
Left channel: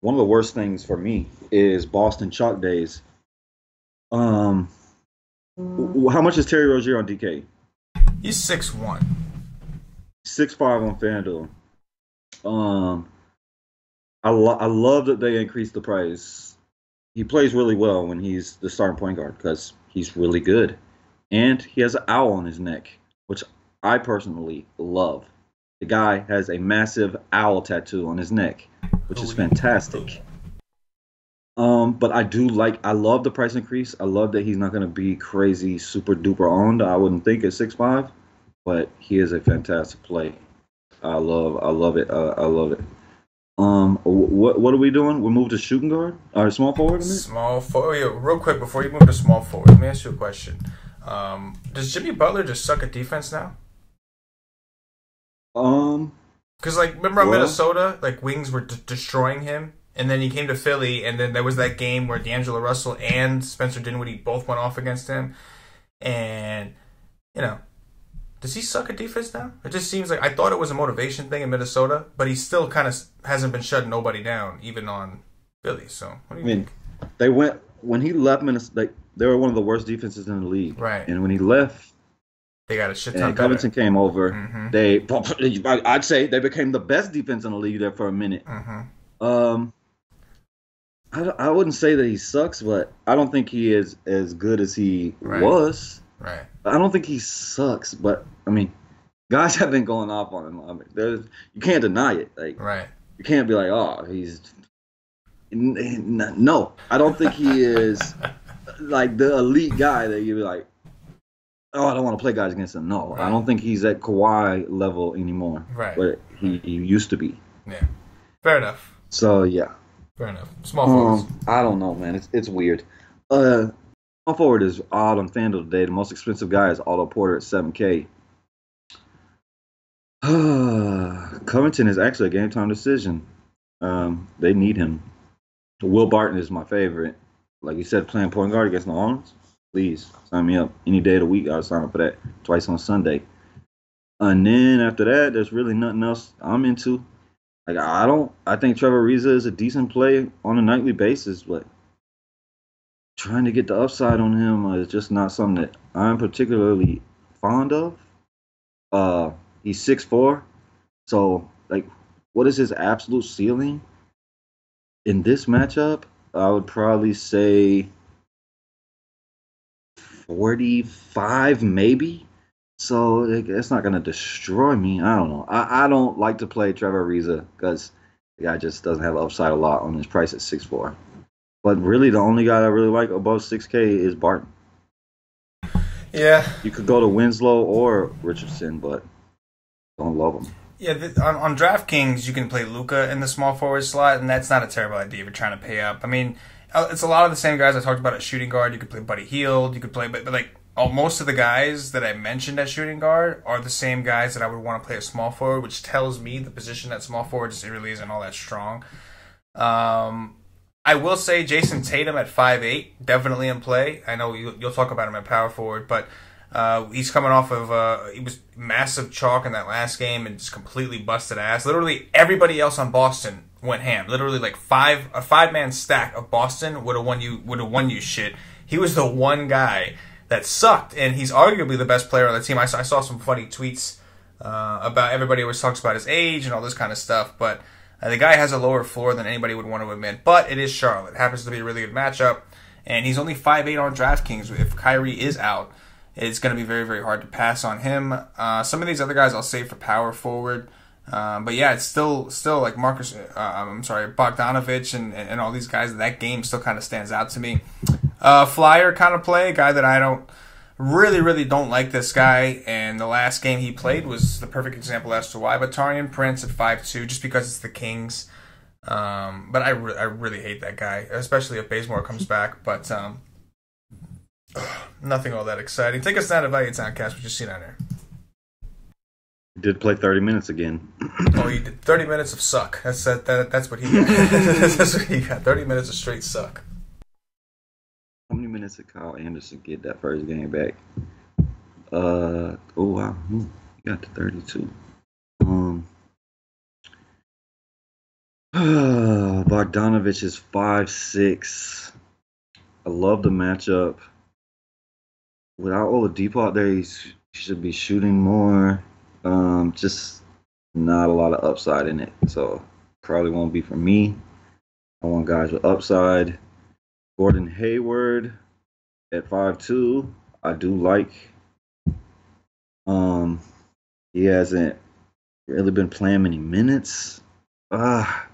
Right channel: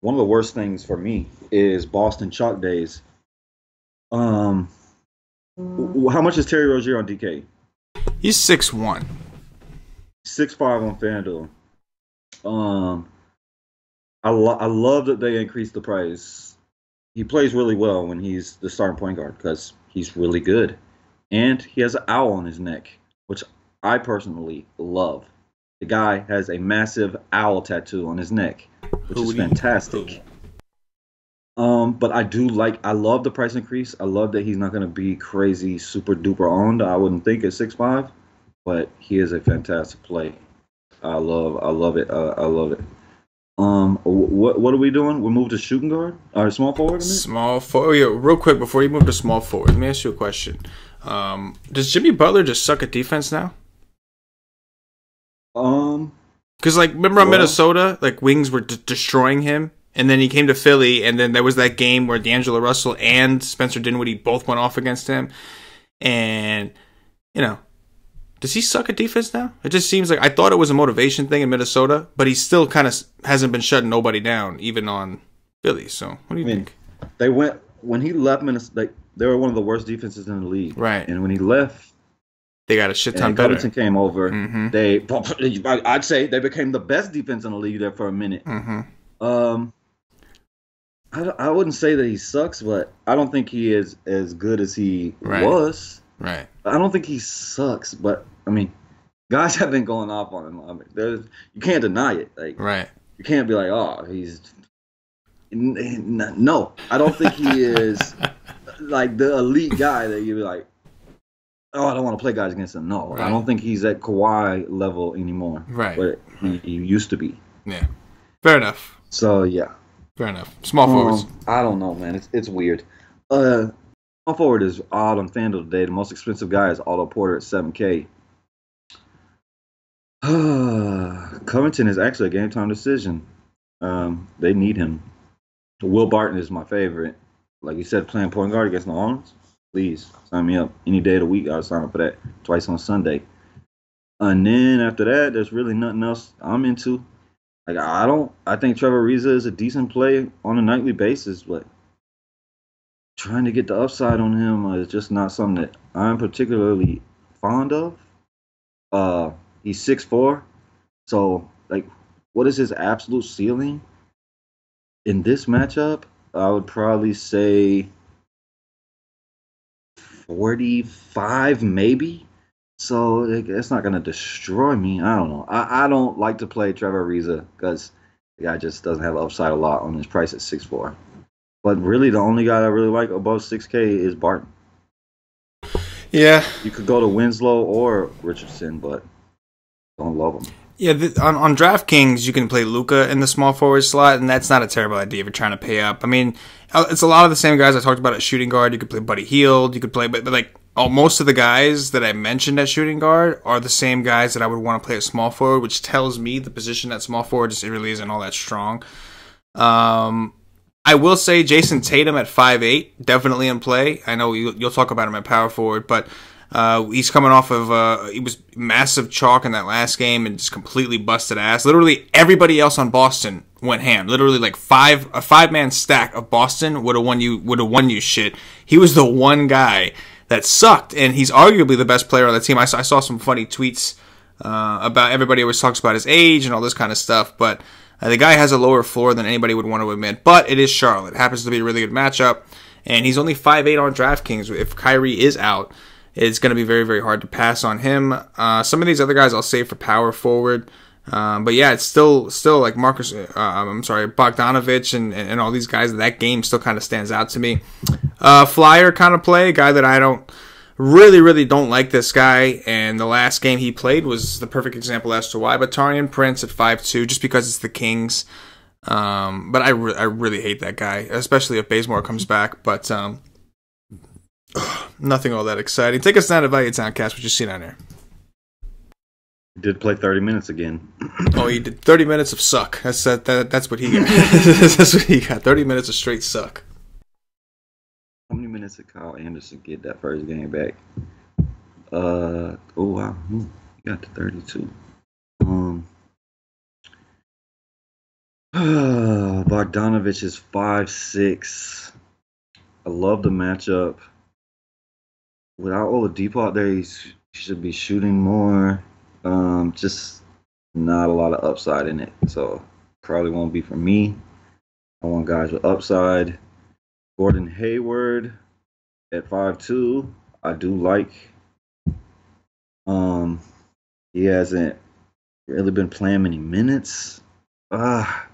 one of the worst things for me is Boston chalk days. How much is Terry Rozier on DK? He's 6'1". 6'5" on FanDuel. I love that they increased the price. He plays really well when he's the starting point guard because he's really good. And he has an owl on his neck, which I personally love. The guy has a massive owl tattoo on his neck, which is fantastic. But I love the price increase. I love that he's not going to be crazy, super duper owned. I wouldn't think at 6'5", but he is a fantastic play. I love it. I love it. What are we doing? We move to shooting guard or small forward? Small forward. Yeah, real quick before you move to small forward, let me ask you a question. Does Jimmy Butler just suck at defense now? Because remember on Minnesota, wings were destroying him, and then he came to Philly, and then there was that game where D'Angelo Russell and Spencer Dinwiddie both went off against him, and does he suck at defense now? It just seems like I thought it was a motivation thing in Minnesota, but he still kind of hasn't been shutting nobody down, even on Philly. So what do you think? They went when he left Minnesota. They were one of the worst defenses in the league, right? And when he left, they got a shit ton better. Covington came over. Mm-hmm. I'd say they became the best defense in the league there for a minute. Mm-hmm. I wouldn't say that he sucks, but I don't think he is as good as he was. Right. I don't think he sucks, but I mean, guys have been going off on him. I mean, you can't deny it. Right. You can't be like, oh, he's no. I don't think he is like the elite guy that you'd be like, oh, I don't want to play guys against him. No, right. I don't think he's at Kawhi level anymore. Right. But he used to be. Yeah. Fair enough. So yeah. Fair enough. Small forwards. I don't know, man. It's weird. Small forward is odd on FanDuel today. The most expensive guy is Otto Porter at 7K. Covington is actually a game time decision. They need him. Will Barton is my favorite. Like you said, playing point guard against New Orleans. Please sign me up any day of the week. I'll sign up for that twice on Sunday. And then after that, there's really nothing else I'm into. Like I think Trevor Ariza is a decent play on a nightly basis, but trying to get the upside on him is just not something that I'm particularly fond of. He's 6'4", so like, what is his absolute ceiling in this matchup? I would probably say 45, maybe. So it's not gonna destroy me. I don't know. I don't like to play Trevor Ariza because the guy just doesn't have upside a lot on his price at 6'4". But really, the only guy I really like above 6K is Barton. Yeah. You could go to Winslow or Richardson, but don't love him. Yeah, on DraftKings, you can play Luka in the small forward slot, and that's not a terrible idea if you're trying to pay up. I mean, it's a lot of the same guys I talked about at shooting guard. You could play Buddy Hield. You could play, but like most of the guys that I mentioned at shooting guard are the same guys that I would want to play at small forward, which tells me the position at small forward just really isn't all that strong. I will say Jason Tatum at 5'8", definitely in play. I know you'll talk about him at power forward, but he's coming off of he was massive chalk in that last game and just completely busted ass. Literally everybody else on Boston went ham. Literally like a 5-man stack of Boston would have won you shit. He was the one guy that sucked, and he's arguably the best player on the team. I saw some funny tweets about everybody always talks about his age and all this kind of stuff, but the guy has a lower floor than anybody would want to admit. But it is Charlotte. It happens to be a really good matchup, and he's only 5'8" on DraftKings. If Kyrie is out, it's going to be very, very hard to pass on him. Some of these other guys I'll save for power forward. But yeah, it's still like Bogdanovich and all these guys. That game still kind of stands out to me. Flyer kind of play, a guy that I don't really don't like this guy. And the last game he played was the perfect example as to why. But Taurean Prince at 5'2", just because it's the Kings. But I really hate that guy, especially if Bazemore comes back. But nothing all that exciting. Take us down to Value Town, Cass. What you see down there? Did play 30 minutes again. Oh, he did 30 minutes of suck. That's what he got. That's what he got. 30 minutes of straight suck. How many minutes did Kyle Anderson get that first game back? Oh wow, he got to 32. Bogdanovich is 5'6". I love the matchup. Without Oladipo out there, he should be shooting more. Just not a lot of upside in it, so probably won't be for me. I want guys with upside. Gordon Hayward at 5'2", I do like. He hasn't really been playing many minutes. I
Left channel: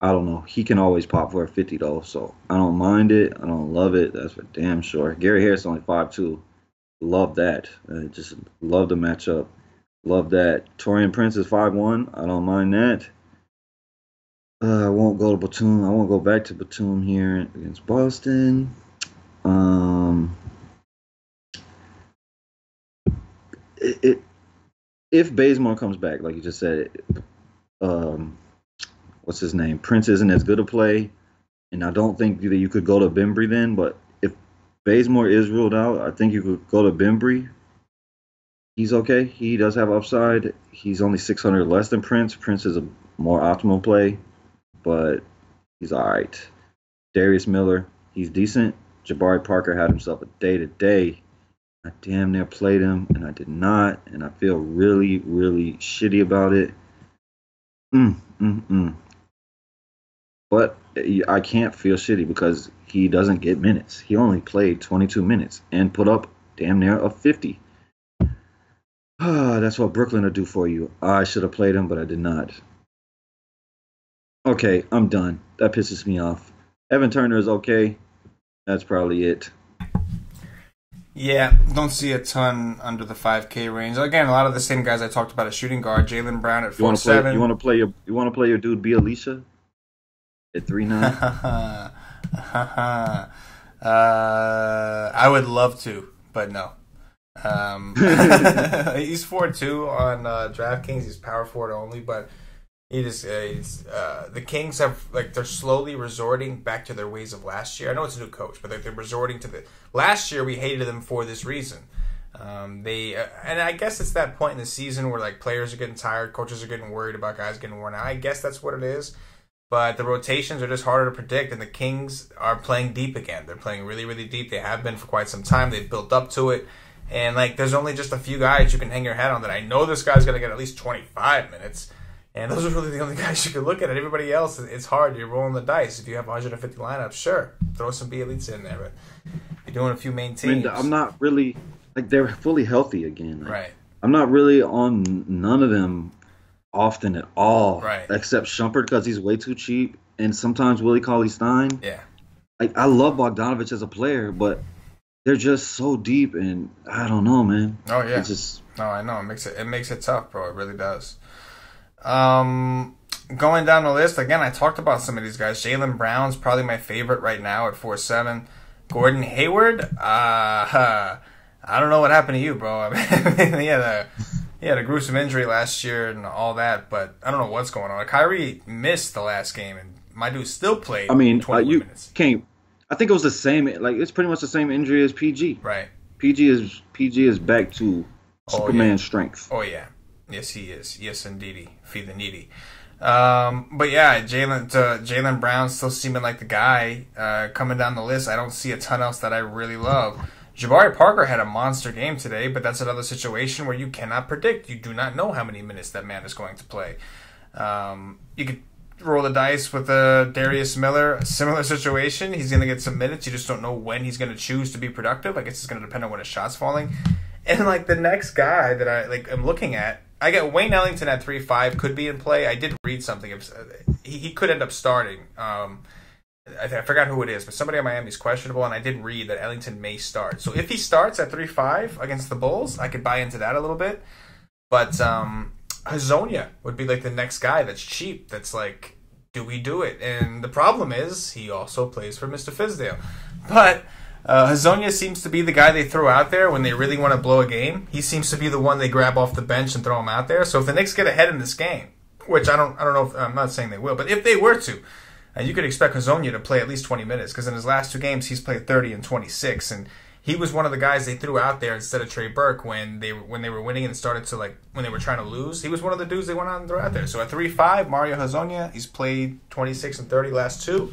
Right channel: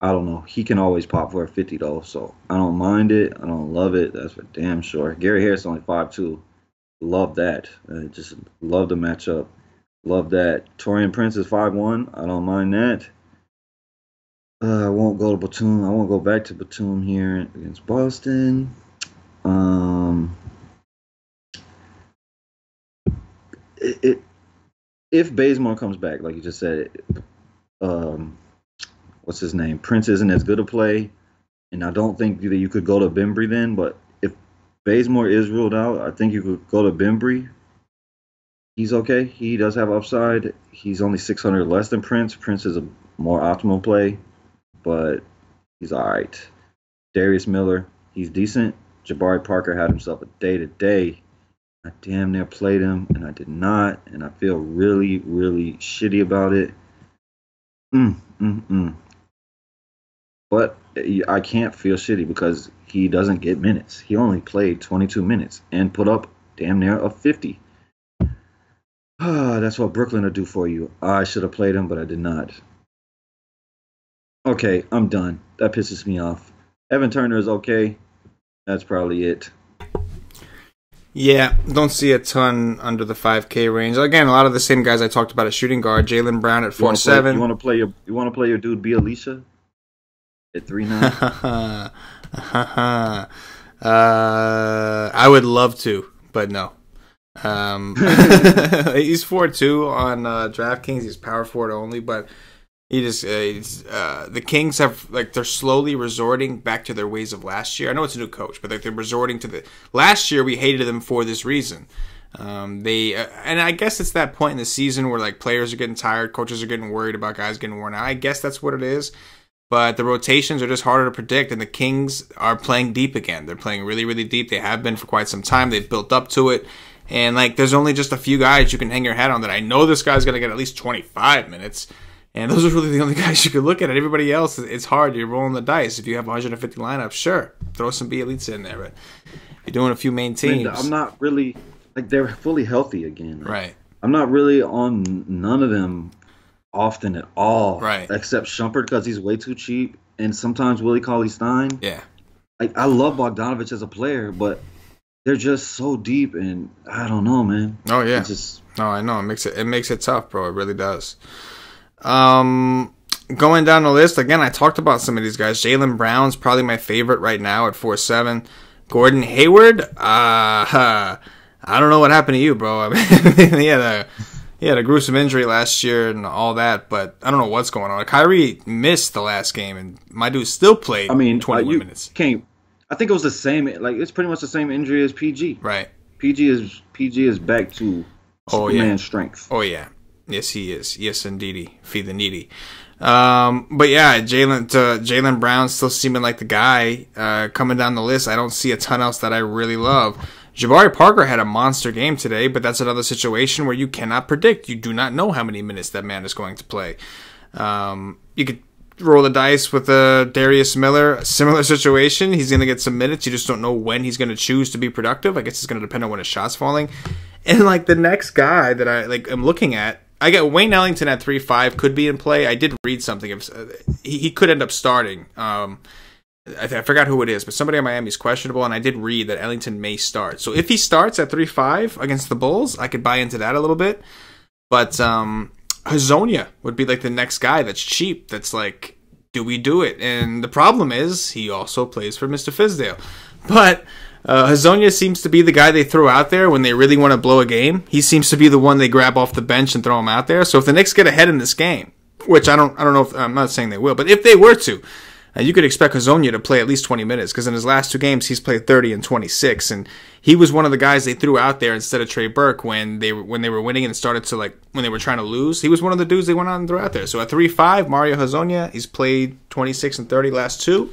don't know. He can always pop for a 50 though, so I don't mind it. I don't love it. That's for damn sure. Gary Harris only 5'2". Love that. Just love the matchup. Love that. Taurean Prince is 5'1". I don't mind that. I won't go to Batum. I won't go back to Batum here against Boston. If Bazemore comes back, like you just said, what's his name? Prince isn't as good a play, and I don't think that you could go to Bembry then. But if Bazemore is ruled out, I think you could go to Bembry. He's okay. He does have upside. He's only 600 less than Prince. Prince is a more optimal play, but he's all right. Darius Miller, he's decent. Jabari Parker had himself a day-to-day. I damn near played him, and I did not, and I feel really, really shitty about it. But I can't feel shitty because he doesn't get minutes. He only played 22 minutes and put up damn near a 50. That's what Brooklyn will do for you. I should have played him, but I did not. Okay, I'm done. That pisses me off. Evan Turner is okay. That's probably it. Yeah, don't see a ton under the 5K range. Again, a lot of the same guys I talked about at shooting guard. Jaylen Brown at 4'7". You want to play your dude B. Alicia at 3'9"? I would love to, but no. He's 4-2 on DraftKings. He's power forward only, but the Kings have they're slowly resorting back to their ways of last year. I know it's a new coach, but they're resorting to the last year. We hated them for this reason. And I guess it's that point in the season where players are getting tired, coaches are getting worried about guys getting worn out. I guess that's what it is. But the rotations are just harder to predict, and the Kings are playing deep again. They're playing really, really deep. They have been for quite some time. They've built up to it. And there's only just a few guys you can hang your hat on that I know this guy's going to get at least 25 minutes. And those are really the only guys you can look at. Everybody else, it's hard. You're rolling the dice. If you have 150 lineups, sure, throw some B elites in there. But you're doing a few main teams. I'm not really they're fully healthy again. Right. I'm not really on none of them often at all. Right. Except Shumpert because he's way too cheap, and sometimes Willie Cauley-Stein. Yeah. I love Bogdanovich as a player, but they're just so deep, and I don't know, man. Oh yeah. No, I know. It makes it tough, bro. It really does. Going down the list again, I talked about some of these guys. Jaylen Brown's probably my favorite right now at 4-7. Gordon Hayward, I don't know what happened to you, bro. I mean, he had a gruesome injury last year and all that, but I don't know what's going on. Kyrie missed the last game, and my dude still played. 21 minutes. I think it was the same. It's pretty much the same injury as PG. Right. PG is back to Superman strength. Oh yeah. Yes, he is. Yes, indeedy. Feed the needy. But yeah, Jaylen Brown still seeming like the guy coming down the list. I don't see a ton else that I really love. Jabari Parker had a monster game today, but that's another situation where you cannot predict. You do not know how many minutes that man is going to play. You could roll the dice with Darius Miller, a similar situation. He's going to get some minutes. You just don't know when he's going to choose to be productive. I guess it's going to depend on when his shot's falling. And the next guy that I'm looking at, I get Wayne Ellington at 3-5 could be in play. I did read something. He could end up starting. I forgot who it is, but somebody on Miami is questionable, and I did read that Ellington may start. So if he starts at 3-5 against the Bulls, I could buy into that a little bit. But Hazonia would be the next guy that's cheap. That's do we do it? And the problem is he also plays for Mr. Fizdale. But Hazonia seems to be the guy they throw out there when they really want to blow a game. He seems to be the one they grab off the bench and throw him out there. So if the Knicks get ahead in this game, which I don't know if I'm not saying they will, but if they were to, you could expect Hazonia to play at least 20 minutes because in his last two games he's played 30 and 26, and he was one of the guys they threw out there instead of Trey Burke when they were winning and started to when they were trying to lose. He was one of the dudes they went on and threw out there. So at 3-5, Mario Hazonia, he's played 26 and 30 last two.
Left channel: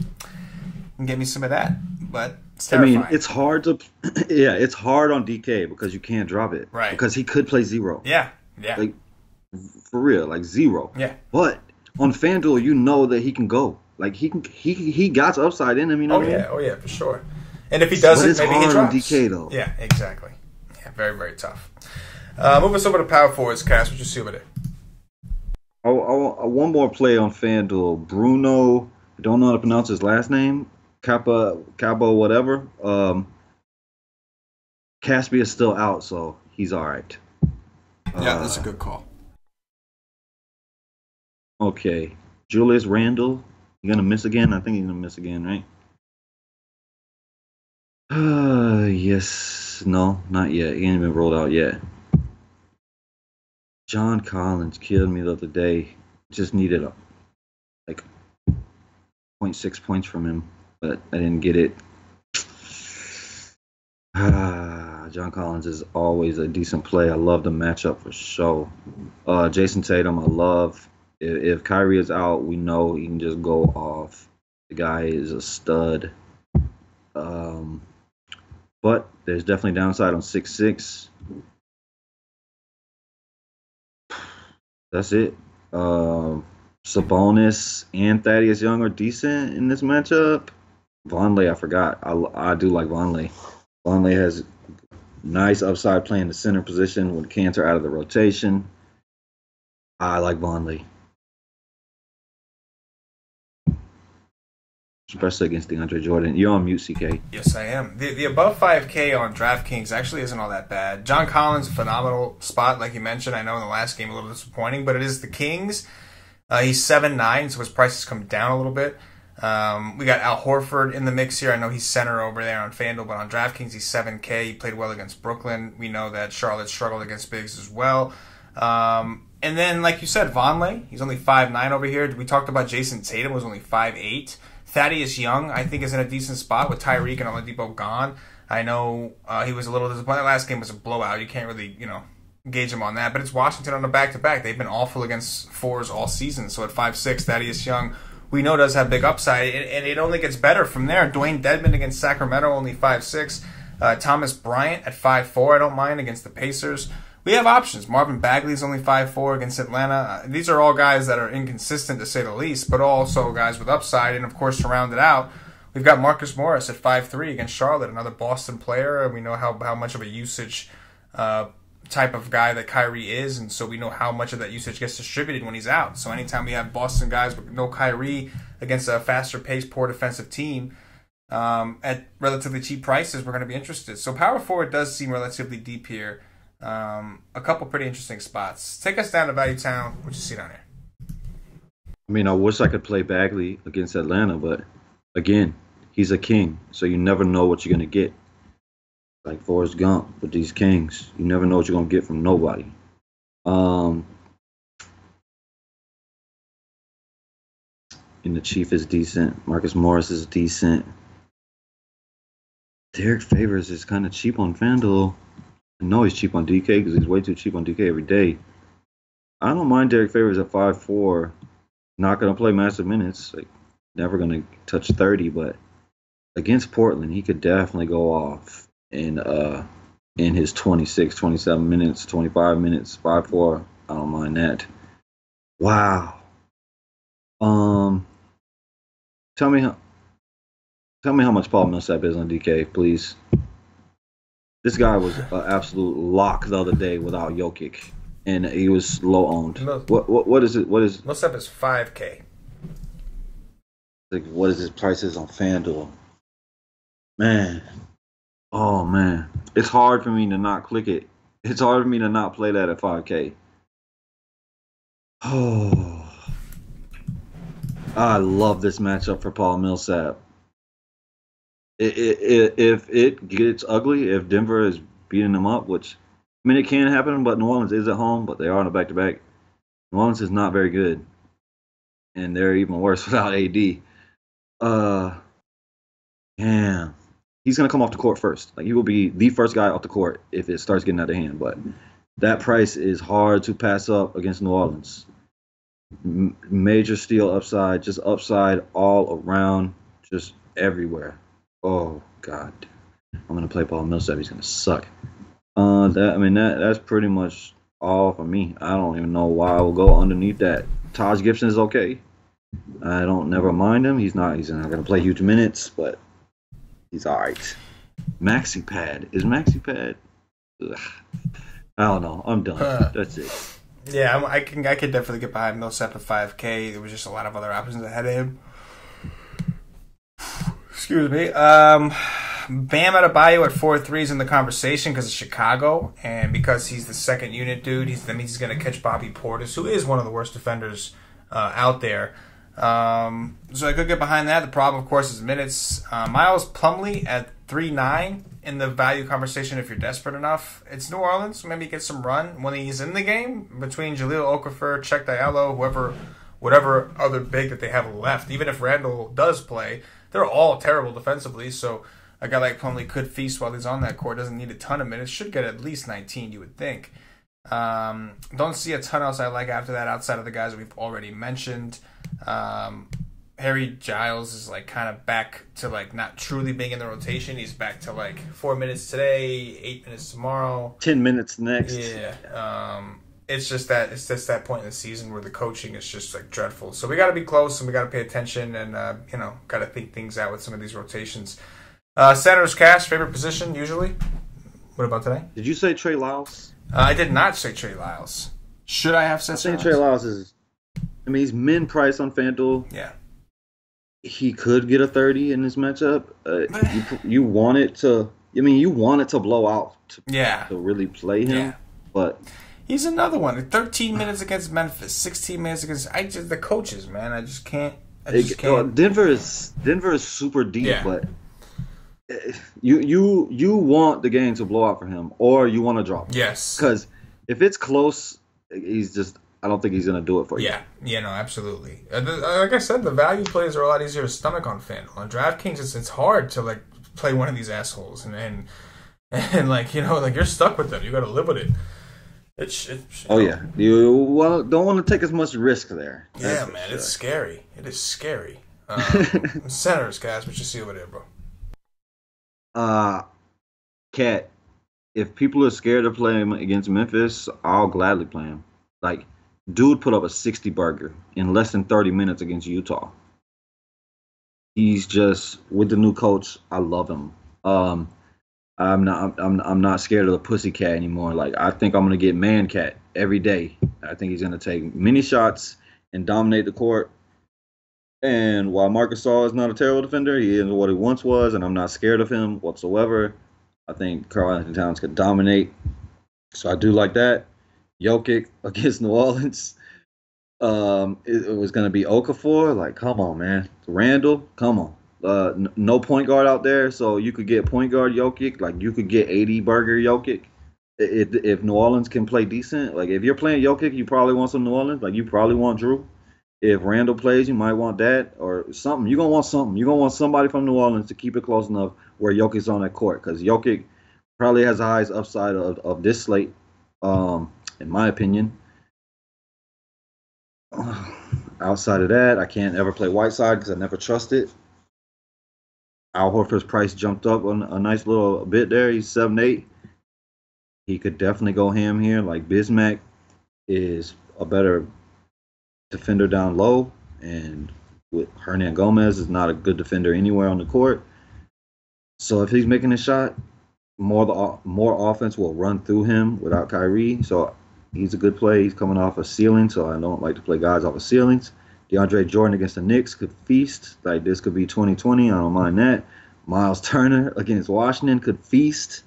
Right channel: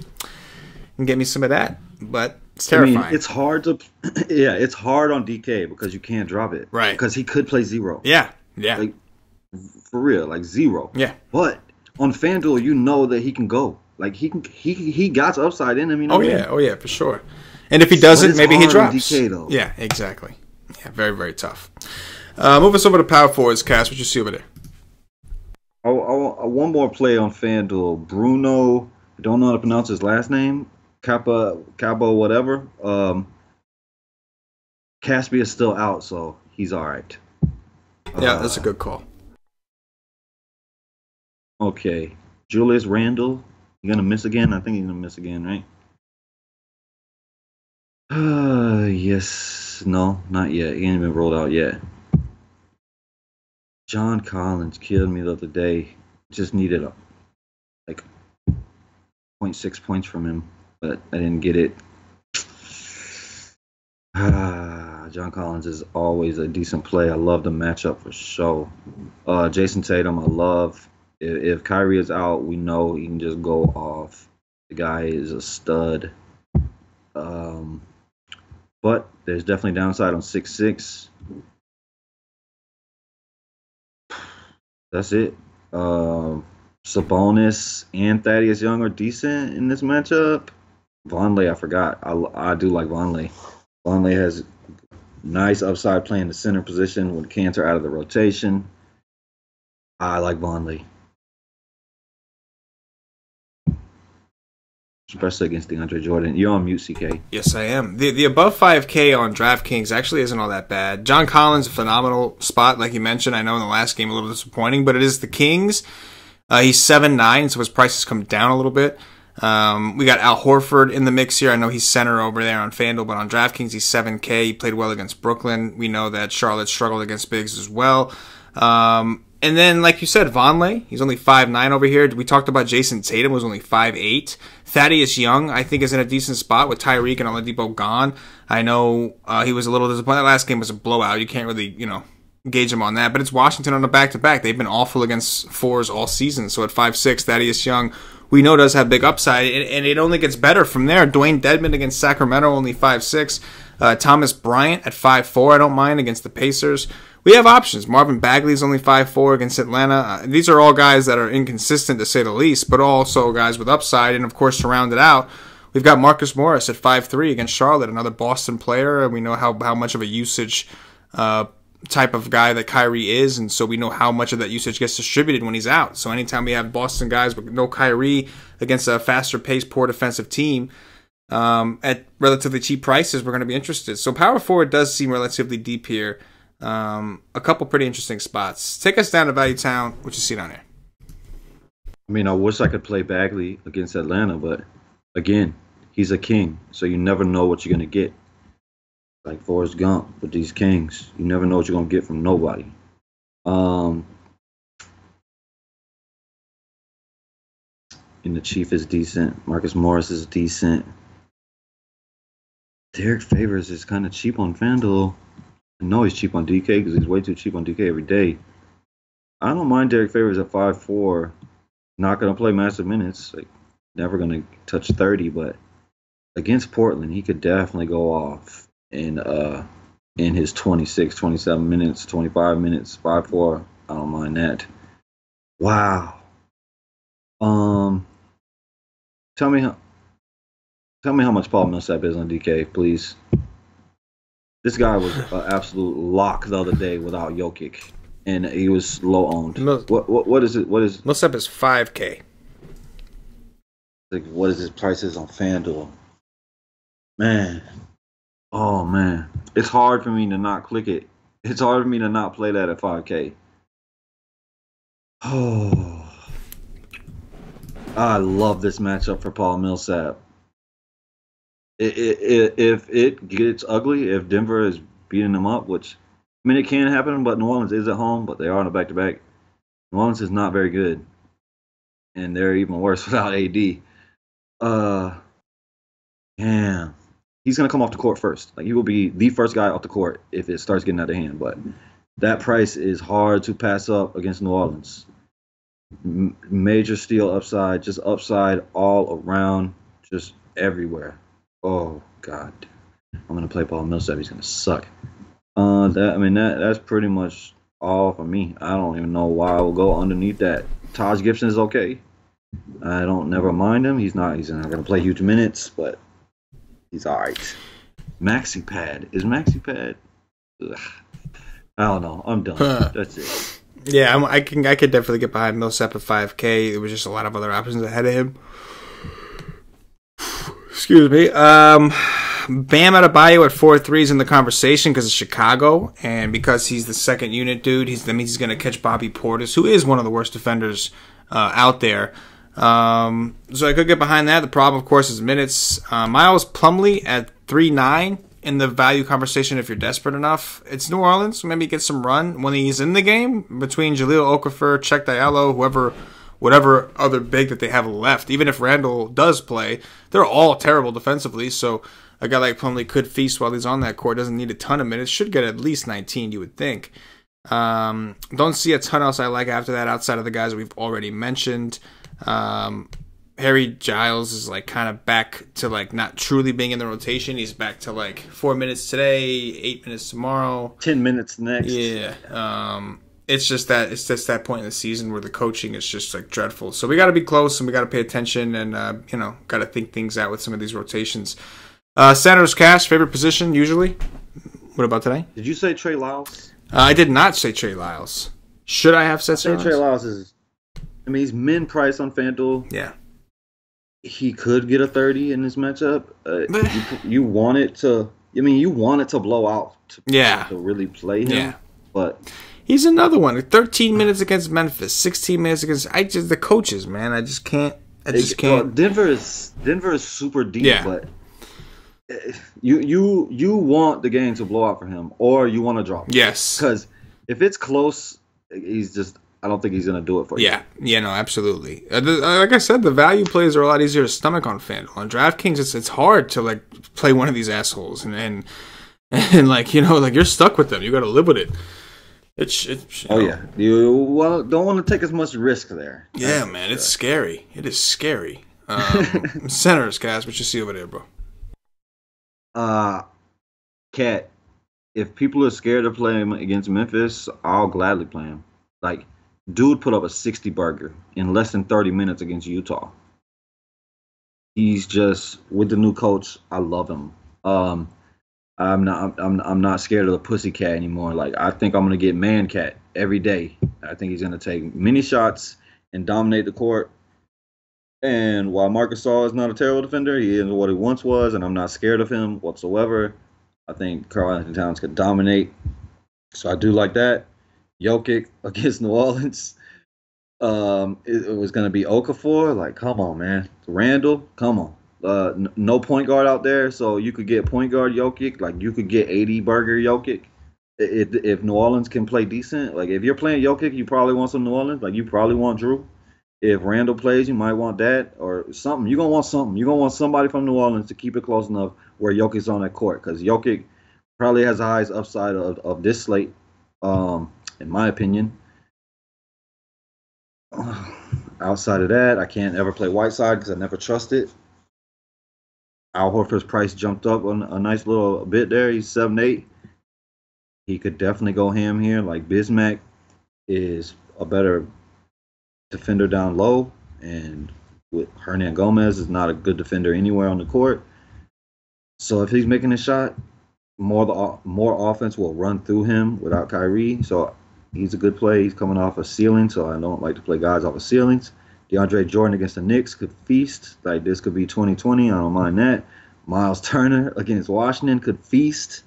And get me some of that, but it's terrifying. It's hard to, it's hard on DK because you can't drop it, right? Because he could play zero. Yeah. For real, zero. Yeah. But on FanDuel, you know that he can go. He got upside in him. You know what I mean? Oh yeah, for sure. And if he doesn't, maybe he drops. On DK though. Yeah, exactly. Yeah, very very tough. Move us over to power forwards, Cass. What you see over there? One more play on FanDuel. Bruno, I don't know how to pronounce his last name. Cabo, whatever. Caspi is still out, so he's all right. Yeah, that's a good call. Okay. Julius Randle, you going to miss again? I think he's going to miss again, right? Yes. No, not yet. He ain't been rolled out yet. John Collins killed me the other day. Just needed 0.6 points from him, but I didn't get it. John Collins is always a decent play. I love the matchup for sure. Jason Tatum, I love. If Kyrie is out, we know he can just go off. The guy is a stud. But there's definitely downside on 6'6". That's it. Sabonis and Thaddeus Young are decent in this matchup. Vonleh, I forgot. I do like Vonleh. Vonleh has nice upside playing the center position with Cantor out of the rotation. I like Vonleh. Especially against DeAndre Jordan. You're on mute, CK. Yes, I am. The above 5K on DraftKings actually isn't all that bad. John Collins, a phenomenal spot, like you mentioned. I know in the last game a little disappointing, but it is the Kings. He's 7'9", so his price has come down a little bit. We got Al Horford in the mix here. I know he's center over there on FanDuel, but on DraftKings, he's 7K. He played well against Brooklyn. We know that Charlotte struggled against bigs as well. And then, like you said, Vonleh, he's only 5'9" over here. We talked about Jason Tatum, who's only 5'8". Thaddeus Young, I think, is in a decent spot with Tyreek and Oladipo gone. I know he was a little disappointed. That last game was a blowout. You can't really, gauge him on that. But it's Washington on a back-to-back. They've been awful against fours all season. So at 5'6", Thaddeus Young, we know does have big upside. And it only gets better from there. Dwayne Dedmon against Sacramento, only 5'6". Thomas Bryant at 5'4", I don't mind, against the Pacers. We have options. Marvin Bagley's only 5'4" against Atlanta. These are all guys that are inconsistent, to say the least, but also guys with upside. And, of course, to round it out, we've got Marcus Morris at 5'3" against Charlotte, another Boston player. And we know how much of a usage type of guy that Kyrie is, and so we know how much of that usage gets distributed when he's out. So anytime we have Boston guys with no Kyrie against a faster-paced, poor defensive team at relatively cheap prices, we're going to be interested. So power forward does seem relatively deep here. A couple pretty interesting spots. Take us down to Value Town. What you see down here? I mean, I wish I could play Bagley against Atlanta, but again, he's a king, so you never know what you're going to get. Like Forrest Gump with these Kings, you never know what you're going to get from nobody. And the Chief is decent. Marcus Morris is decent. Derek Favors is kind of cheap on FanDuel. I know he's cheap on DK because he's way too cheap on DK every day. I don't mind Derek Favors at 5'4". Not going to play massive minutes. Like, never going to touch 30, but against Portland, he could definitely go off in his 26, 27 minutes, 25 minutes, 5'4". I don't mind that. Wow. Tell me how much Paul Millsap is on DK, please. This guy was an absolute lock the other day without Jokic, and he was low owned. What is it? What is Millsap is 5K. Like, what is his prices on FanDuel? Man, oh man, it's hard for me to not click it. It's hard for me to not play that at 5K. Oh, I love this matchup for Paul Millsap. If it gets ugly, if Denver is beating them up, which, I mean, it can happen, but New Orleans is at home, but they are on a back-to-back. New Orleans is not very good, and they're even worse without AD. Damn. He's going to come off the court first. Like, he will be the first guy off the court if it starts getting out of hand, but that price is hard to pass up against New Orleans. Major steal upside, just upside all around, just everywhere. Oh, God. I'm going to play Paul Millsap. He's going to suck. That's pretty much all for me. I don't even know why I will go underneath that. Taj Gibson is okay. I don't never mind him. He's not going to play huge minutes, but he's all right. Maxi Pad. Is Maxi Pad? Ugh. I don't know. I'm done. That's it. Yeah, I could definitely get behind Millsap at 5K. There was just a lot of other options ahead of him. Excuse me. Bam Adebayo at 4.3 is in the conversation because of Chicago, and because he's the second unit dude, that means he's going to catch Bobby Portis, who is one of the worst defenders out there. So I could get behind that. The problem, of course, is minutes. Miles Plumlee at 3.9 in the value conversation if you're desperate enough. It's New Orleans, so maybe get some run when he's in the game between Jahlil Okafor, Cheick Diallo, whatever other big that they have left. Even if Randall does play, they're all terrible defensively, so a guy like Plumlee could feast while he's on that court. Doesn't need a ton of minutes. Should get at least 19, you would think. Don't see a ton else I like after that outside of the guys that we've already mentioned. Harry Giles is like kind of back to like not truly being in the rotation. He's back to like 4 minutes today, 8 minutes tomorrow, 10 minutes next. Yeah. It's just that point in the season where the coaching is just like dreadful. So we got to be close and we got to pay attention and got to think things out with some of these rotations. Center's cash, favorite position usually. What about today? Did you say Trey Lyles? I did not say Trey Lyles. Should I have said Trey Lyles is, he's min price on FanDuel. Yeah. He could get a 30 in this matchup. You want it to blow out to really play him. Yeah. But he's another one. 13 minutes against Memphis, 16 minutes against the coaches, man. I just can't I just can't. Denver is super deep, Yeah. but you want the game to blow out for him, or you want to drop him. Yes. Because if it's close, I don't think he's gonna do it for you. Yeah, no, absolutely. Like I said, the value plays are a lot easier to stomach on FanDuel. On DraftKings, it's hard to like play one of these assholes and like like you're stuck with them. You got to live with it. Oh yeah, you don't want to take as much risk there. Yeah, man, sure. It's scary. It is scary. Centers, Cass, what you see over there, bro? Cat. If people are scared to play him against Memphis, I'll gladly play him. Like, dude put up a 60 burger in less than 30 minutes against Utah. He's just with the new coach. I love him. I'm not scared of the pussycat anymore. Like, I think I'm gonna get man cat every day. I think he's gonna take many shots and dominate the court. And while Marcus Gasol is not a terrible defender, he is what he once was, and I'm not scared of him whatsoever. I think Karl-Anthony Towns could dominate. So I do like that. Jokic against New Orleans. It was going to be Okafor. Like, come on, man. Randall, come on. No point guard out there, so you could get point guard Jokic. Like, you could get 80 burger Jokic. If New Orleans can play decent. Like, if you're playing Jokic, you probably want some New Orleans. Like, you probably want Drew. If Randall plays, you might want that or something. You're going to want something. You're going to want somebody from New Orleans to keep it close enough where Jokic's on that court. Because Jokic probably has the highest upside of this slate, in my opinion. Outside of that, I can't ever play Whiteside because I never trust it. Al Horford's price jumped up on a nice little bit there. He's 7-8. He could definitely go ham here. Like, Bismack is a better defender down low, and with Hernan Gomez is not a good defender anywhere on the court. So if he's making a shot, more offense will run through him without Kyrie. So he's a good play. He's coming off a ceiling, so I don't like to play guys off of ceilings. DeAndre Jordan against the Knicks could feast. Like, this could be 2020. I don't mind that. Miles Turner against Washington could feast.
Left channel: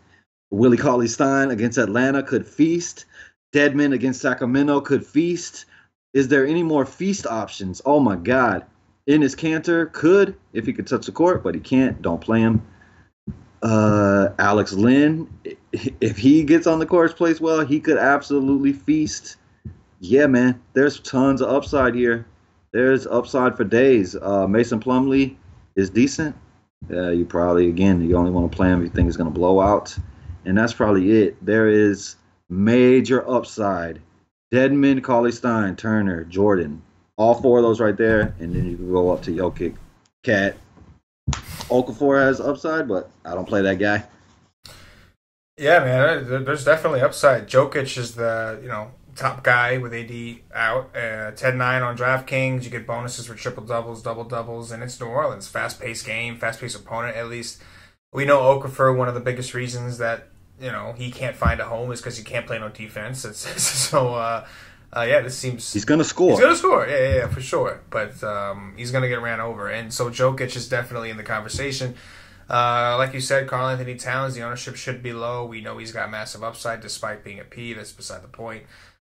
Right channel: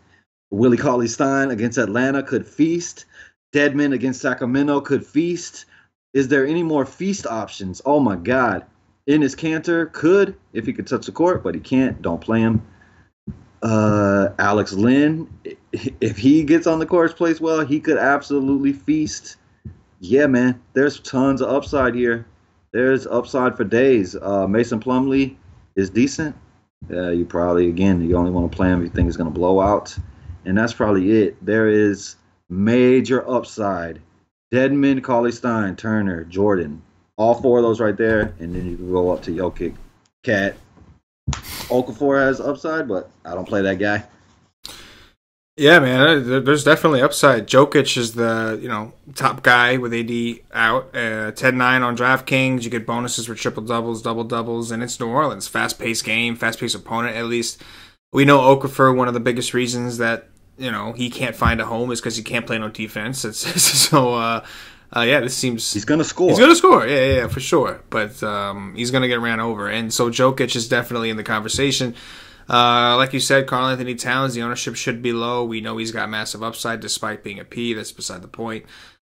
Willie Cauley-Stein against Atlanta could feast. Dedmon against Sacramento could feast. Is there any more feast options? Oh, my God. Enes Kanter could, if he could touch the court, but he can't. Don't play him. Alex Len, if he gets on the court, plays well, he could absolutely feast. Yeah, man. There's tons of upside here. There's upside for days. Mason Plumlee is decent. You probably, again, you only want to play him if you think he's going to blow out. And that's probably it. There is major upside. Dedmon, Cauley-Stein, Turner, Jordan. All four of those right there. And then you can go up to Jokic, Cat. Okafor has upside, but I don't play that guy. Yeah, man, there's definitely upside. Jokic is the top guy with AD out. 10-9 on DraftKings. You get bonuses for triple doubles, double doubles, and it's New Orleans. Fast-paced game, fast-paced opponent. At least we know Okafor. One of the biggest reasons that he can't find a home is because he can't play no defense. This seems he's gonna score. He's gonna score. Yeah, for sure. But he's gonna get ran over, and so Jokic is definitely in the conversation. Like you said, Karl-Anthony Towns, the ownership should be low. We know he's got massive upside despite being a P. That's beside the point.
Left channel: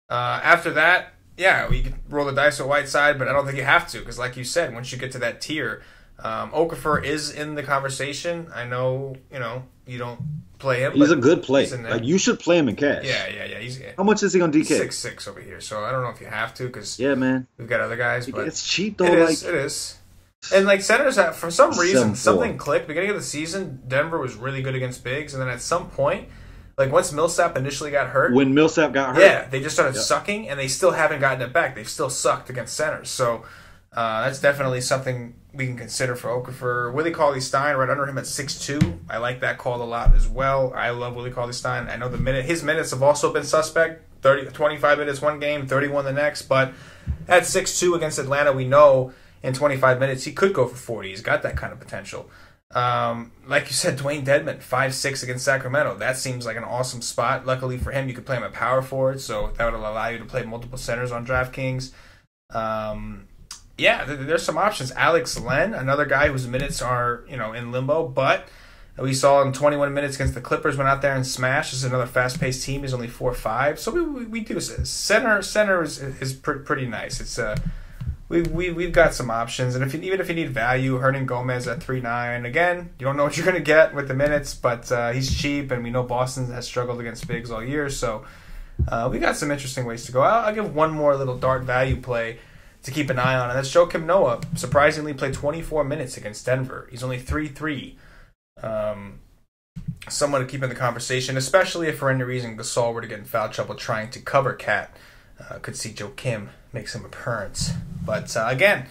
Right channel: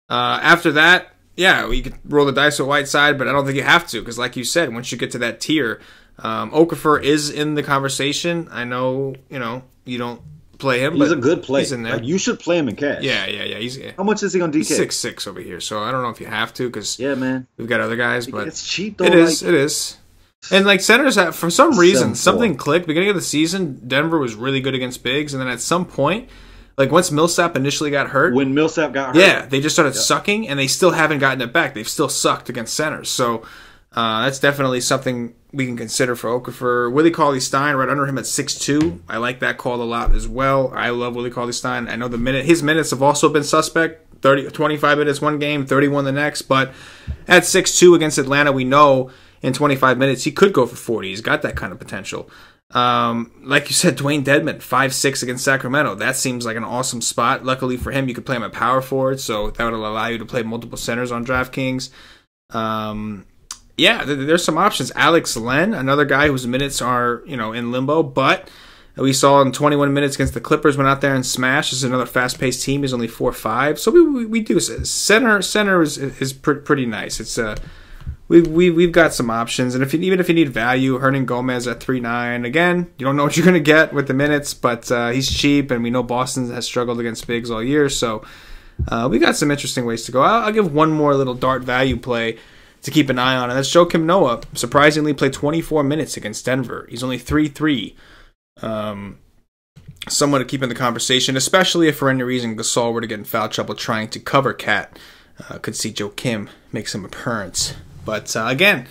After that, we could roll the dice with Whiteside, but I don't think you have to because, like you said, once you get to that tier, Okafor is in the conversation. I know, you don't play him. He's a good play. He's in there. Like, you should play him in cash. Yeah. How much is he on DK? 6'6" over here, so I don't know if you have to because man, we've got other guys. But it's cheap though. It is. And like centers, for some reason, something clicked. Beginning of the season, Denver was really good against bigs, and then at some point, like once Millsap initially got hurt, when Millsap got hurt, they just started sucking, and they still haven't gotten it back. They've still sucked against centers, so that's definitely something we can consider for Okafor. Willie Cauley-Stein right under him at 6'2". I like that call a lot as well. I love Willie Cauley-Stein. I know his minutes have also been suspect. 25 minutes one game, 31 the next, but at 6'2" against Atlanta, we know in 25 minutes he could go for 40. He's got that kind of potential. Like you said, Dwayne Dedmon, 5'6" against Sacramento. That seems like an awesome spot. Luckily for him, you could play him at power forward, so that would allow you to play multiple centers on DraftKings. There's some options. Alex Len, another guy whose minutes are in limbo, but we saw in 21 minutes against the Clippers, went out there and smashed. This is another fast-paced team. He's only 4'5", so we do center is pretty nice. It's we've got some options, and even if you need value, Hernan Gomez at 3.9. Again, you don't know what you're going to get with the minutes, but he's cheap, and we know Boston has struggled against bigs all year, so we got some interesting ways to go. I'll give one more little dart value play to keep an eye on, and that's Joakim Noah. Surprisingly, played 24 minutes against Denver. He's only 3.3. Someone to keep in the conversation, especially if for any reason Gasol were to get in foul trouble trying to cover Cat. Could see Joakim make some appearance. But again,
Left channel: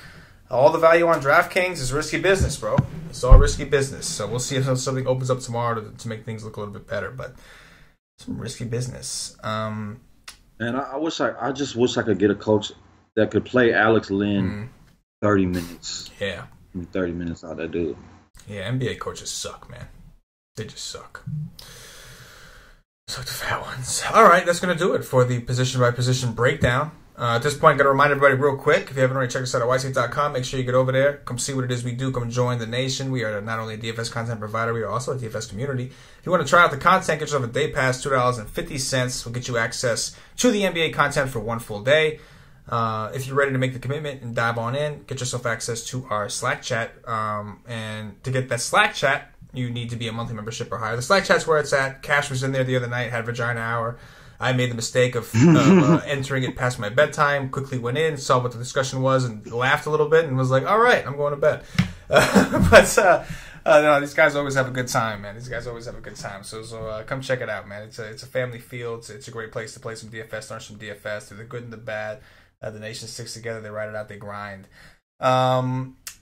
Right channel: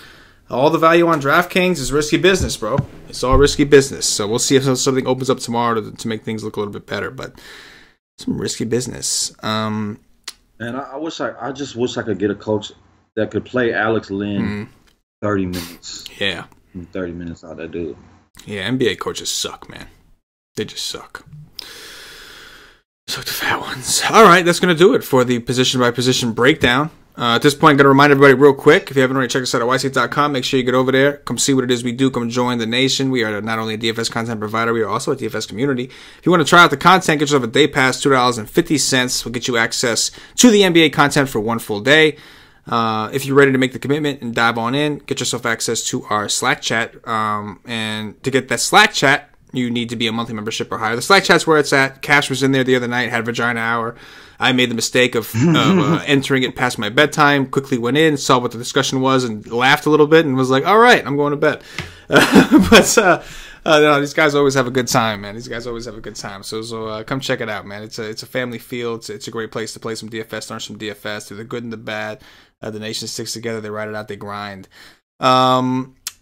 all the value on DraftKings is risky business, bro. It's all risky business. So we'll see if something opens up tomorrow to make things look a little bit better. But some risky business. And I just wish I could get a coach that could play Alex Len 30 minutes. Yeah. 30 minutes out of that dude. Yeah, NBA coaches suck, man. They just suck. So the fat ones. All right, that's going to do it for the position-by-position breakdown. At this point, I'm going to remind everybody real quick, if you haven't already checked us out at yslate.com, make sure you get over there. Come see what it is we do. Come join the nation. We are not only a DFS content provider, we are also a DFS community. If you want to try out the content, get yourself a day pass, $2.50. We'll get you access to the NBA content for one full day. If you're ready to make the commitment and dive on in, get yourself access to our Slack chat. And to get that Slack chat, you need to be a monthly membership or higher. The Slack chat's where it's at. Cash was in there the other night, had Vagina Hour. I made the mistake of entering it past my bedtime, quickly went in, saw what the discussion was, and laughed a little bit, and was like, all right, I'm going to bed. No, these guys always have a good time, man. These guys always have a good time. So come check it out, man. It's a family feel. It's a great place to play some DFS, learn some DFS, through the good and the bad. The nation sticks together. They ride it out. They grind.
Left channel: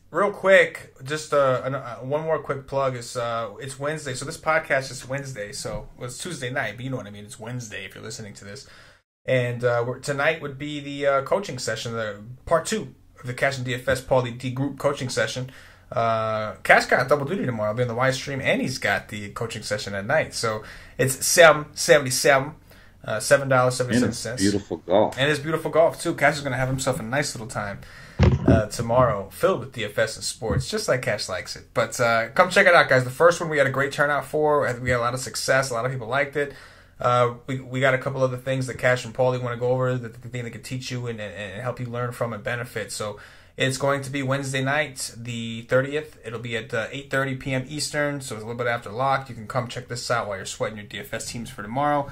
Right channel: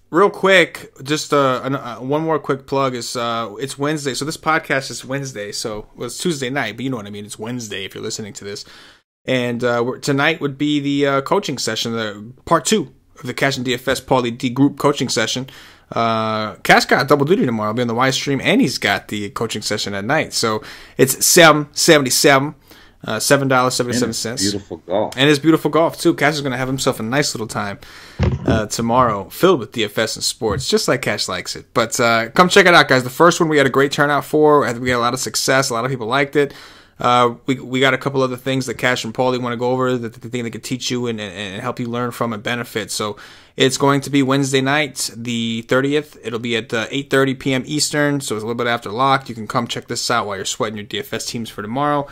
Real quick, just one more quick plug is it's Wednesday. So this podcast is Wednesday. So it's Tuesday night, but you know what I mean. It's Wednesday if you're listening to this. And tonight would be the coaching session, the part 2 of the CashinDFS Paulie D group coaching session. Cash got double duty tomorrow. I'll be on the Y stream, and he's got the coaching session at night. So it's $7.77. $7.77. Beautiful golf. And it's beautiful golf, too. Cash is going to have himself a nice little time tomorrow, filled with DFS and sports, just like Cash likes it. But come check it out, guys. The first one we had a great turnout for. We had a lot of success. A lot of people liked it. We got a couple other things that Cash and Paulie want to go over that they think they could teach you and help you learn from and benefit. So it's going to be Wednesday night, the 30th. It'll be at 8:30 p.m. Eastern, so it's a little bit after lock. You can come check this out while you're sweating your DFS teams for tomorrow.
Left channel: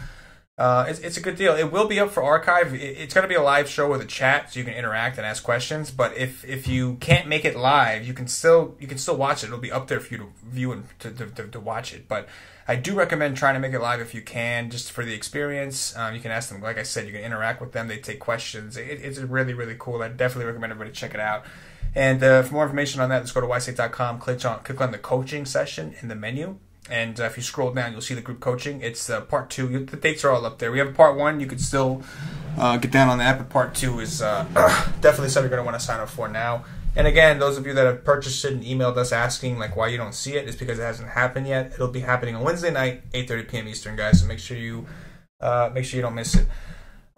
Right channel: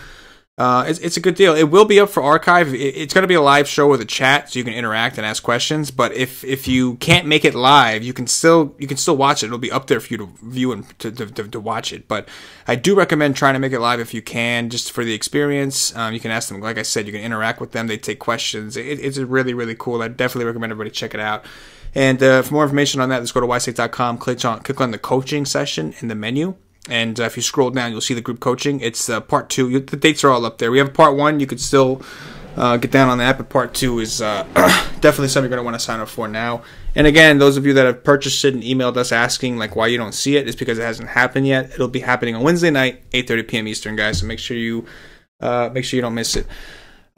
It's a good deal. It will be up for archive. It's going to be a live show with a chat, so you can interact and ask questions. But if you can't make it live, you can still watch it. It'll be up there for you to view and to watch it. But I do recommend trying to make it live if you can, just for the experience. You can ask them, like I said, you can interact with them. They take questions. It's really, really cool. I definitely recommend everybody check it out. And for more information on that, let's go to yslate.com. Click on the coaching session in the menu. And if you scroll down, you'll see the group coaching. It's part 2. The dates are all up there. We have part 1. You could still get down on that, but part 2 is definitely something you're going to want to sign up for now. And again, those of you that have purchased it and emailed us asking like why you don't see it, it's because it hasn't happened yet. It'll be happening on Wednesday night, 8:30 p.m. Eastern, guys. So make sure you don't miss it.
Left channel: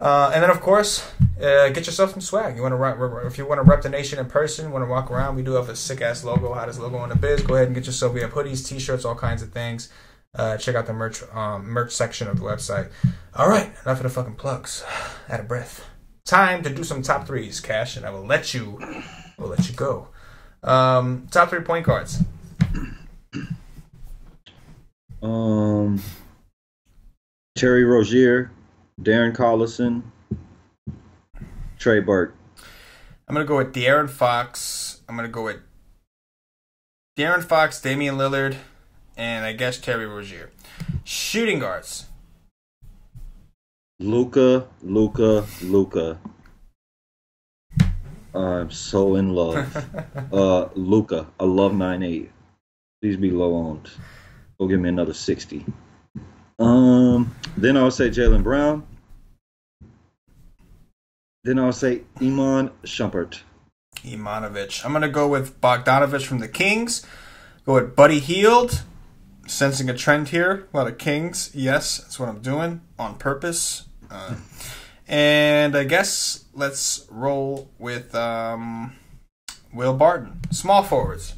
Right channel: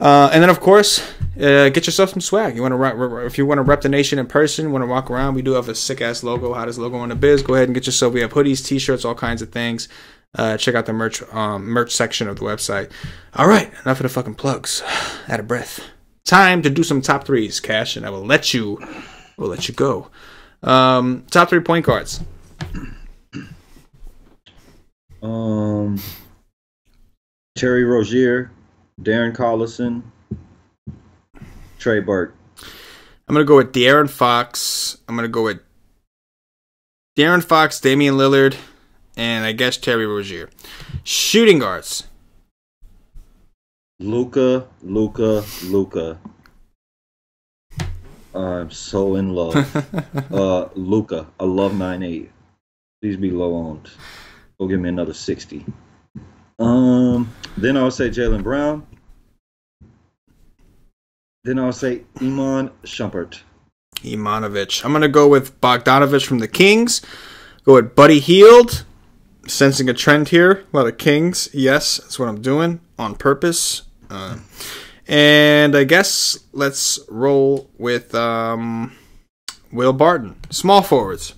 And then, of course, get yourself some swag. If you want to rep the nation in person, want to walk around, we do have a sick-ass logo, hottest logo in the biz. Go ahead and get yourself. We have hoodies, T-shirts, all kinds of things. Check out the merch section of the website. All right, enough of the fucking plugs. Out of breath. Time to do some top threes, Cash, and I will let you go. Top 3 point guards. Terry Rozier, Darren Collison, Trey Burke. I'm going to go with De'Aaron Fox. I'm going to go with De'Aaron Fox, Damian Lillard, and I guess Terry Rozier. Shooting guards. Luka. I'm so in love. Luka. I love 9'8". Please be low owned. Go give me another 60. Then I'll say Jaylen Brown. Then I'll say Iman Shumpert. Imonovich. I'm going to go with Bogdanovich from the Kings. Go with Buddy Hield. Sensing a trend here. A lot of Kings. Yes, that's what I'm doing on purpose. And I guess let's roll with Will Barton. Small forwards.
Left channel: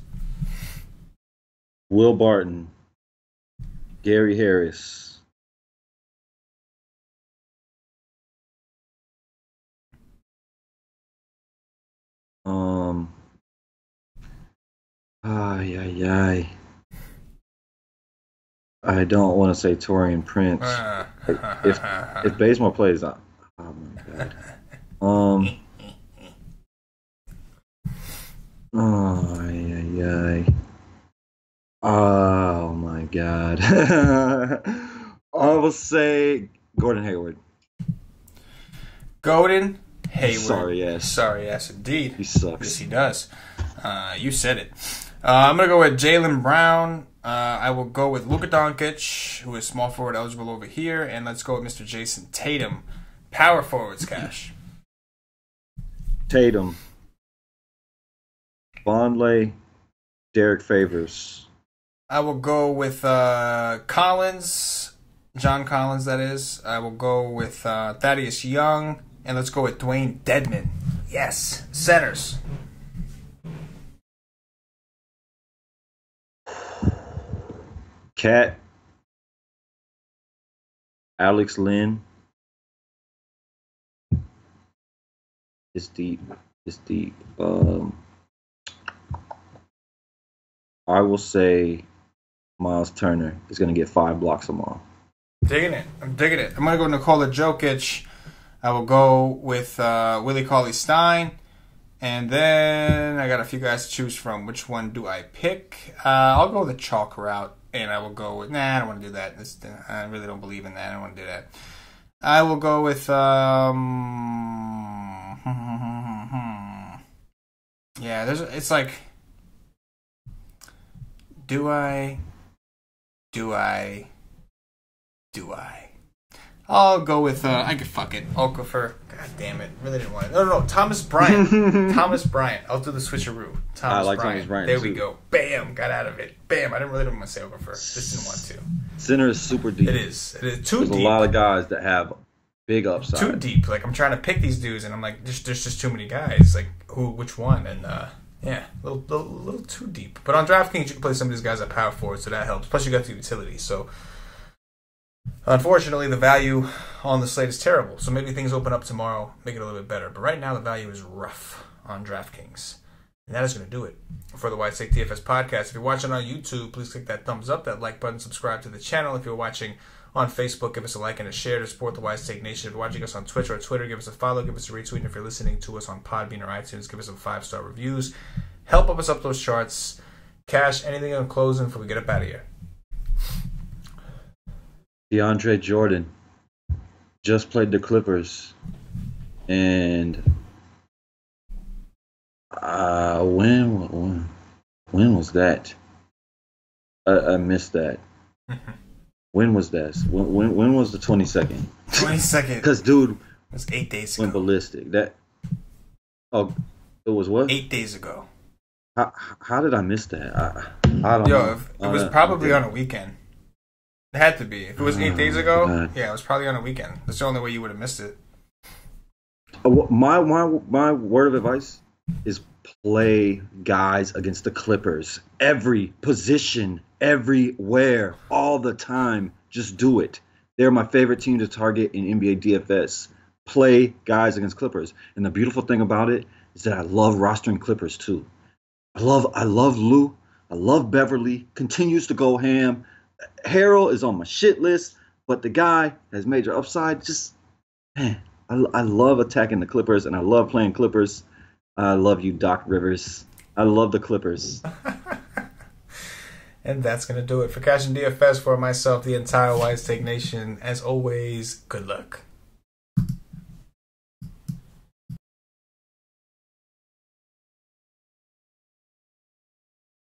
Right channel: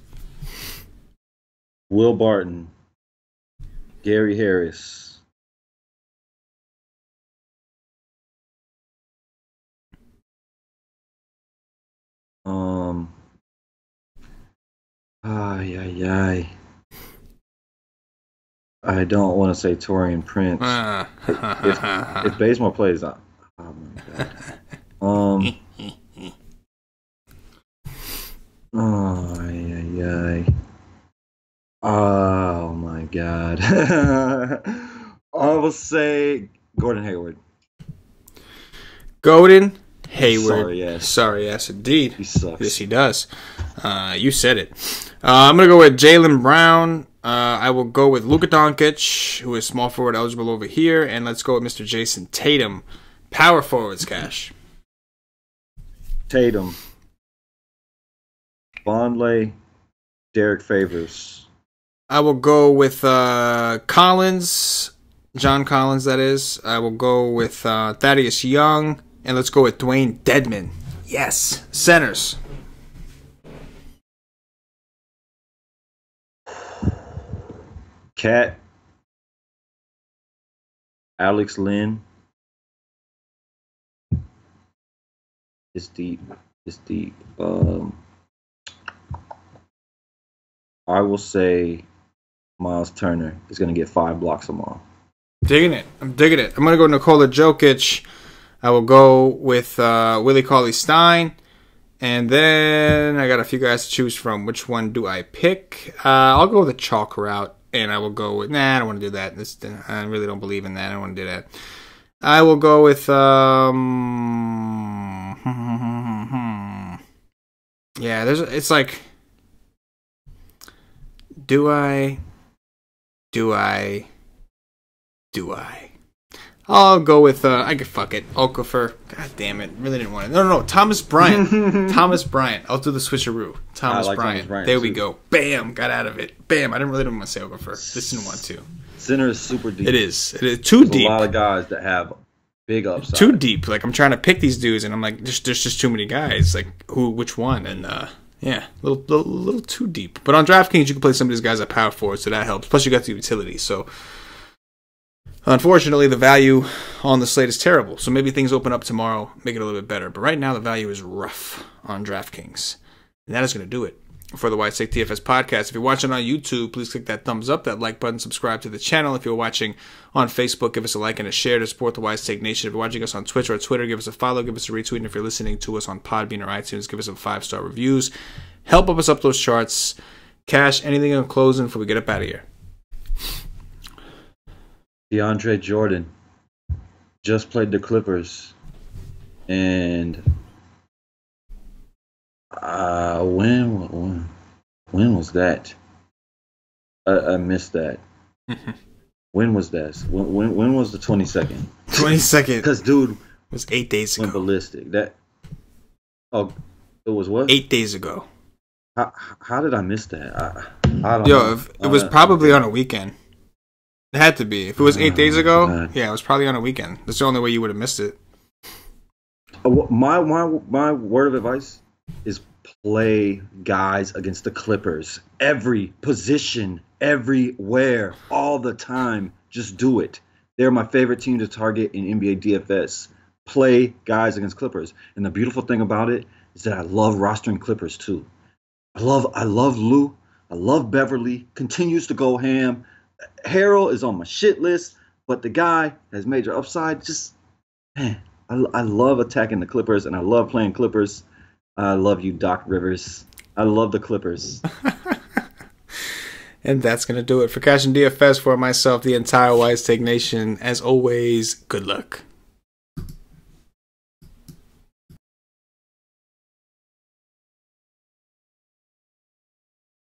Will Barton. Gary Harris. Um. Ay, ay, ay. I don't want to say Torian Prince. If Bazemore plays, oh my god. Oh, ay, ay, ay. Oh my god. I will say Gordon Hayward. Gordon Hayward. Sorry, yes, indeed. He sucks. Yes, he does. You said it. I'm going to go with Jaylen Brown. I will go with Luka Doncic, who is small forward eligible over here. And let's go with Mr. Jason Tatum. Power forwards, Cash. Tatum. Vonleh. Derek Favors. I will go with Collins. John Collins, that is. I will go with Thaddeus Young. And let's go with Dwayne Dedman. Yes. Centers. Cat. Alex Lynn. It's deep. I will say Miles Turner is going to get 5 blocks tomorrow. Digging it. I'm digging it. I'm going to go Nikola Jokic. I will go with Willie Cauley-Stein. And then I got a few guys to choose from. Which one do I pick? I'll go with the chalk route. And I will go with... Nah, I don't want to do that. I really don't believe in that. I don't want to do that. I will go with... Yeah, it's like... Do I? I'll go with, I could fuck it. I'll go for, god damn it. Really didn't want it. No. Thomas Bryant. Thomas Bryant. I'll do the switcheroo. Thomas Bryant. There we go. Bam. Got out of it. Bam. I really didn't want to say Okafor. Just didn't want to. Center is super deep. It is. Too deep. There's a lot of guys that have big upside. Too deep. Like, I'm trying to pick these dudes, and I'm like, there's just too many guys. Like, which one? And, yeah, a little too deep. But on DraftKings, you can play some of these guys at power forward, so that helps. Plus, you got the utility. So, unfortunately, the value on the slate is terrible. So maybe things open up tomorrow, make it a little bit better. But right now, the value is rough on DraftKings. And that is going to do it for the White Snake DFS podcast. If you're watching on YouTube, please click that thumbs up, that like button, subscribe to the channel. If you're watching on Facebook, give us a like and a share to support the White Snake Nation. If you're watching us on Twitch or Twitter, give us a follow, give us a retweet. And if you're listening to us on Podbean or iTunes, give us some 5-star reviews. Help us up those charts. Cash, anything in closing before we get up out of here? DeAndre Jordan just played the Clippers. And when was that? I missed that. When was that? When was the 22nd? 22nd. Because dude, it was 8 days ago. Went ballistic. It was what? 8 days ago. How did I miss that? I don't know. It was probably on a weekend. It had to be. If it was 8 days ago, God. Yeah, it was probably on a weekend. That's the only way you would have missed it. My word of advice is play guys against the Clippers. Every position, everywhere, all the time. Just do it. They're my favorite team to target in NBA DFS. Play guys against Clippers. And the beautiful thing about it is that I love rostering Clippers too. I love Lou. I love Beverly. Continues to go ham. Harrell is on my shit list, but the guy has major upside. Just, man, I love attacking the Clippers, and I love playing Clippers. I love you, Doc Rivers. I love the Clippers. And that's going to do it for CashinDFS, for myself, the entire White Snake Nation. As always, good luck.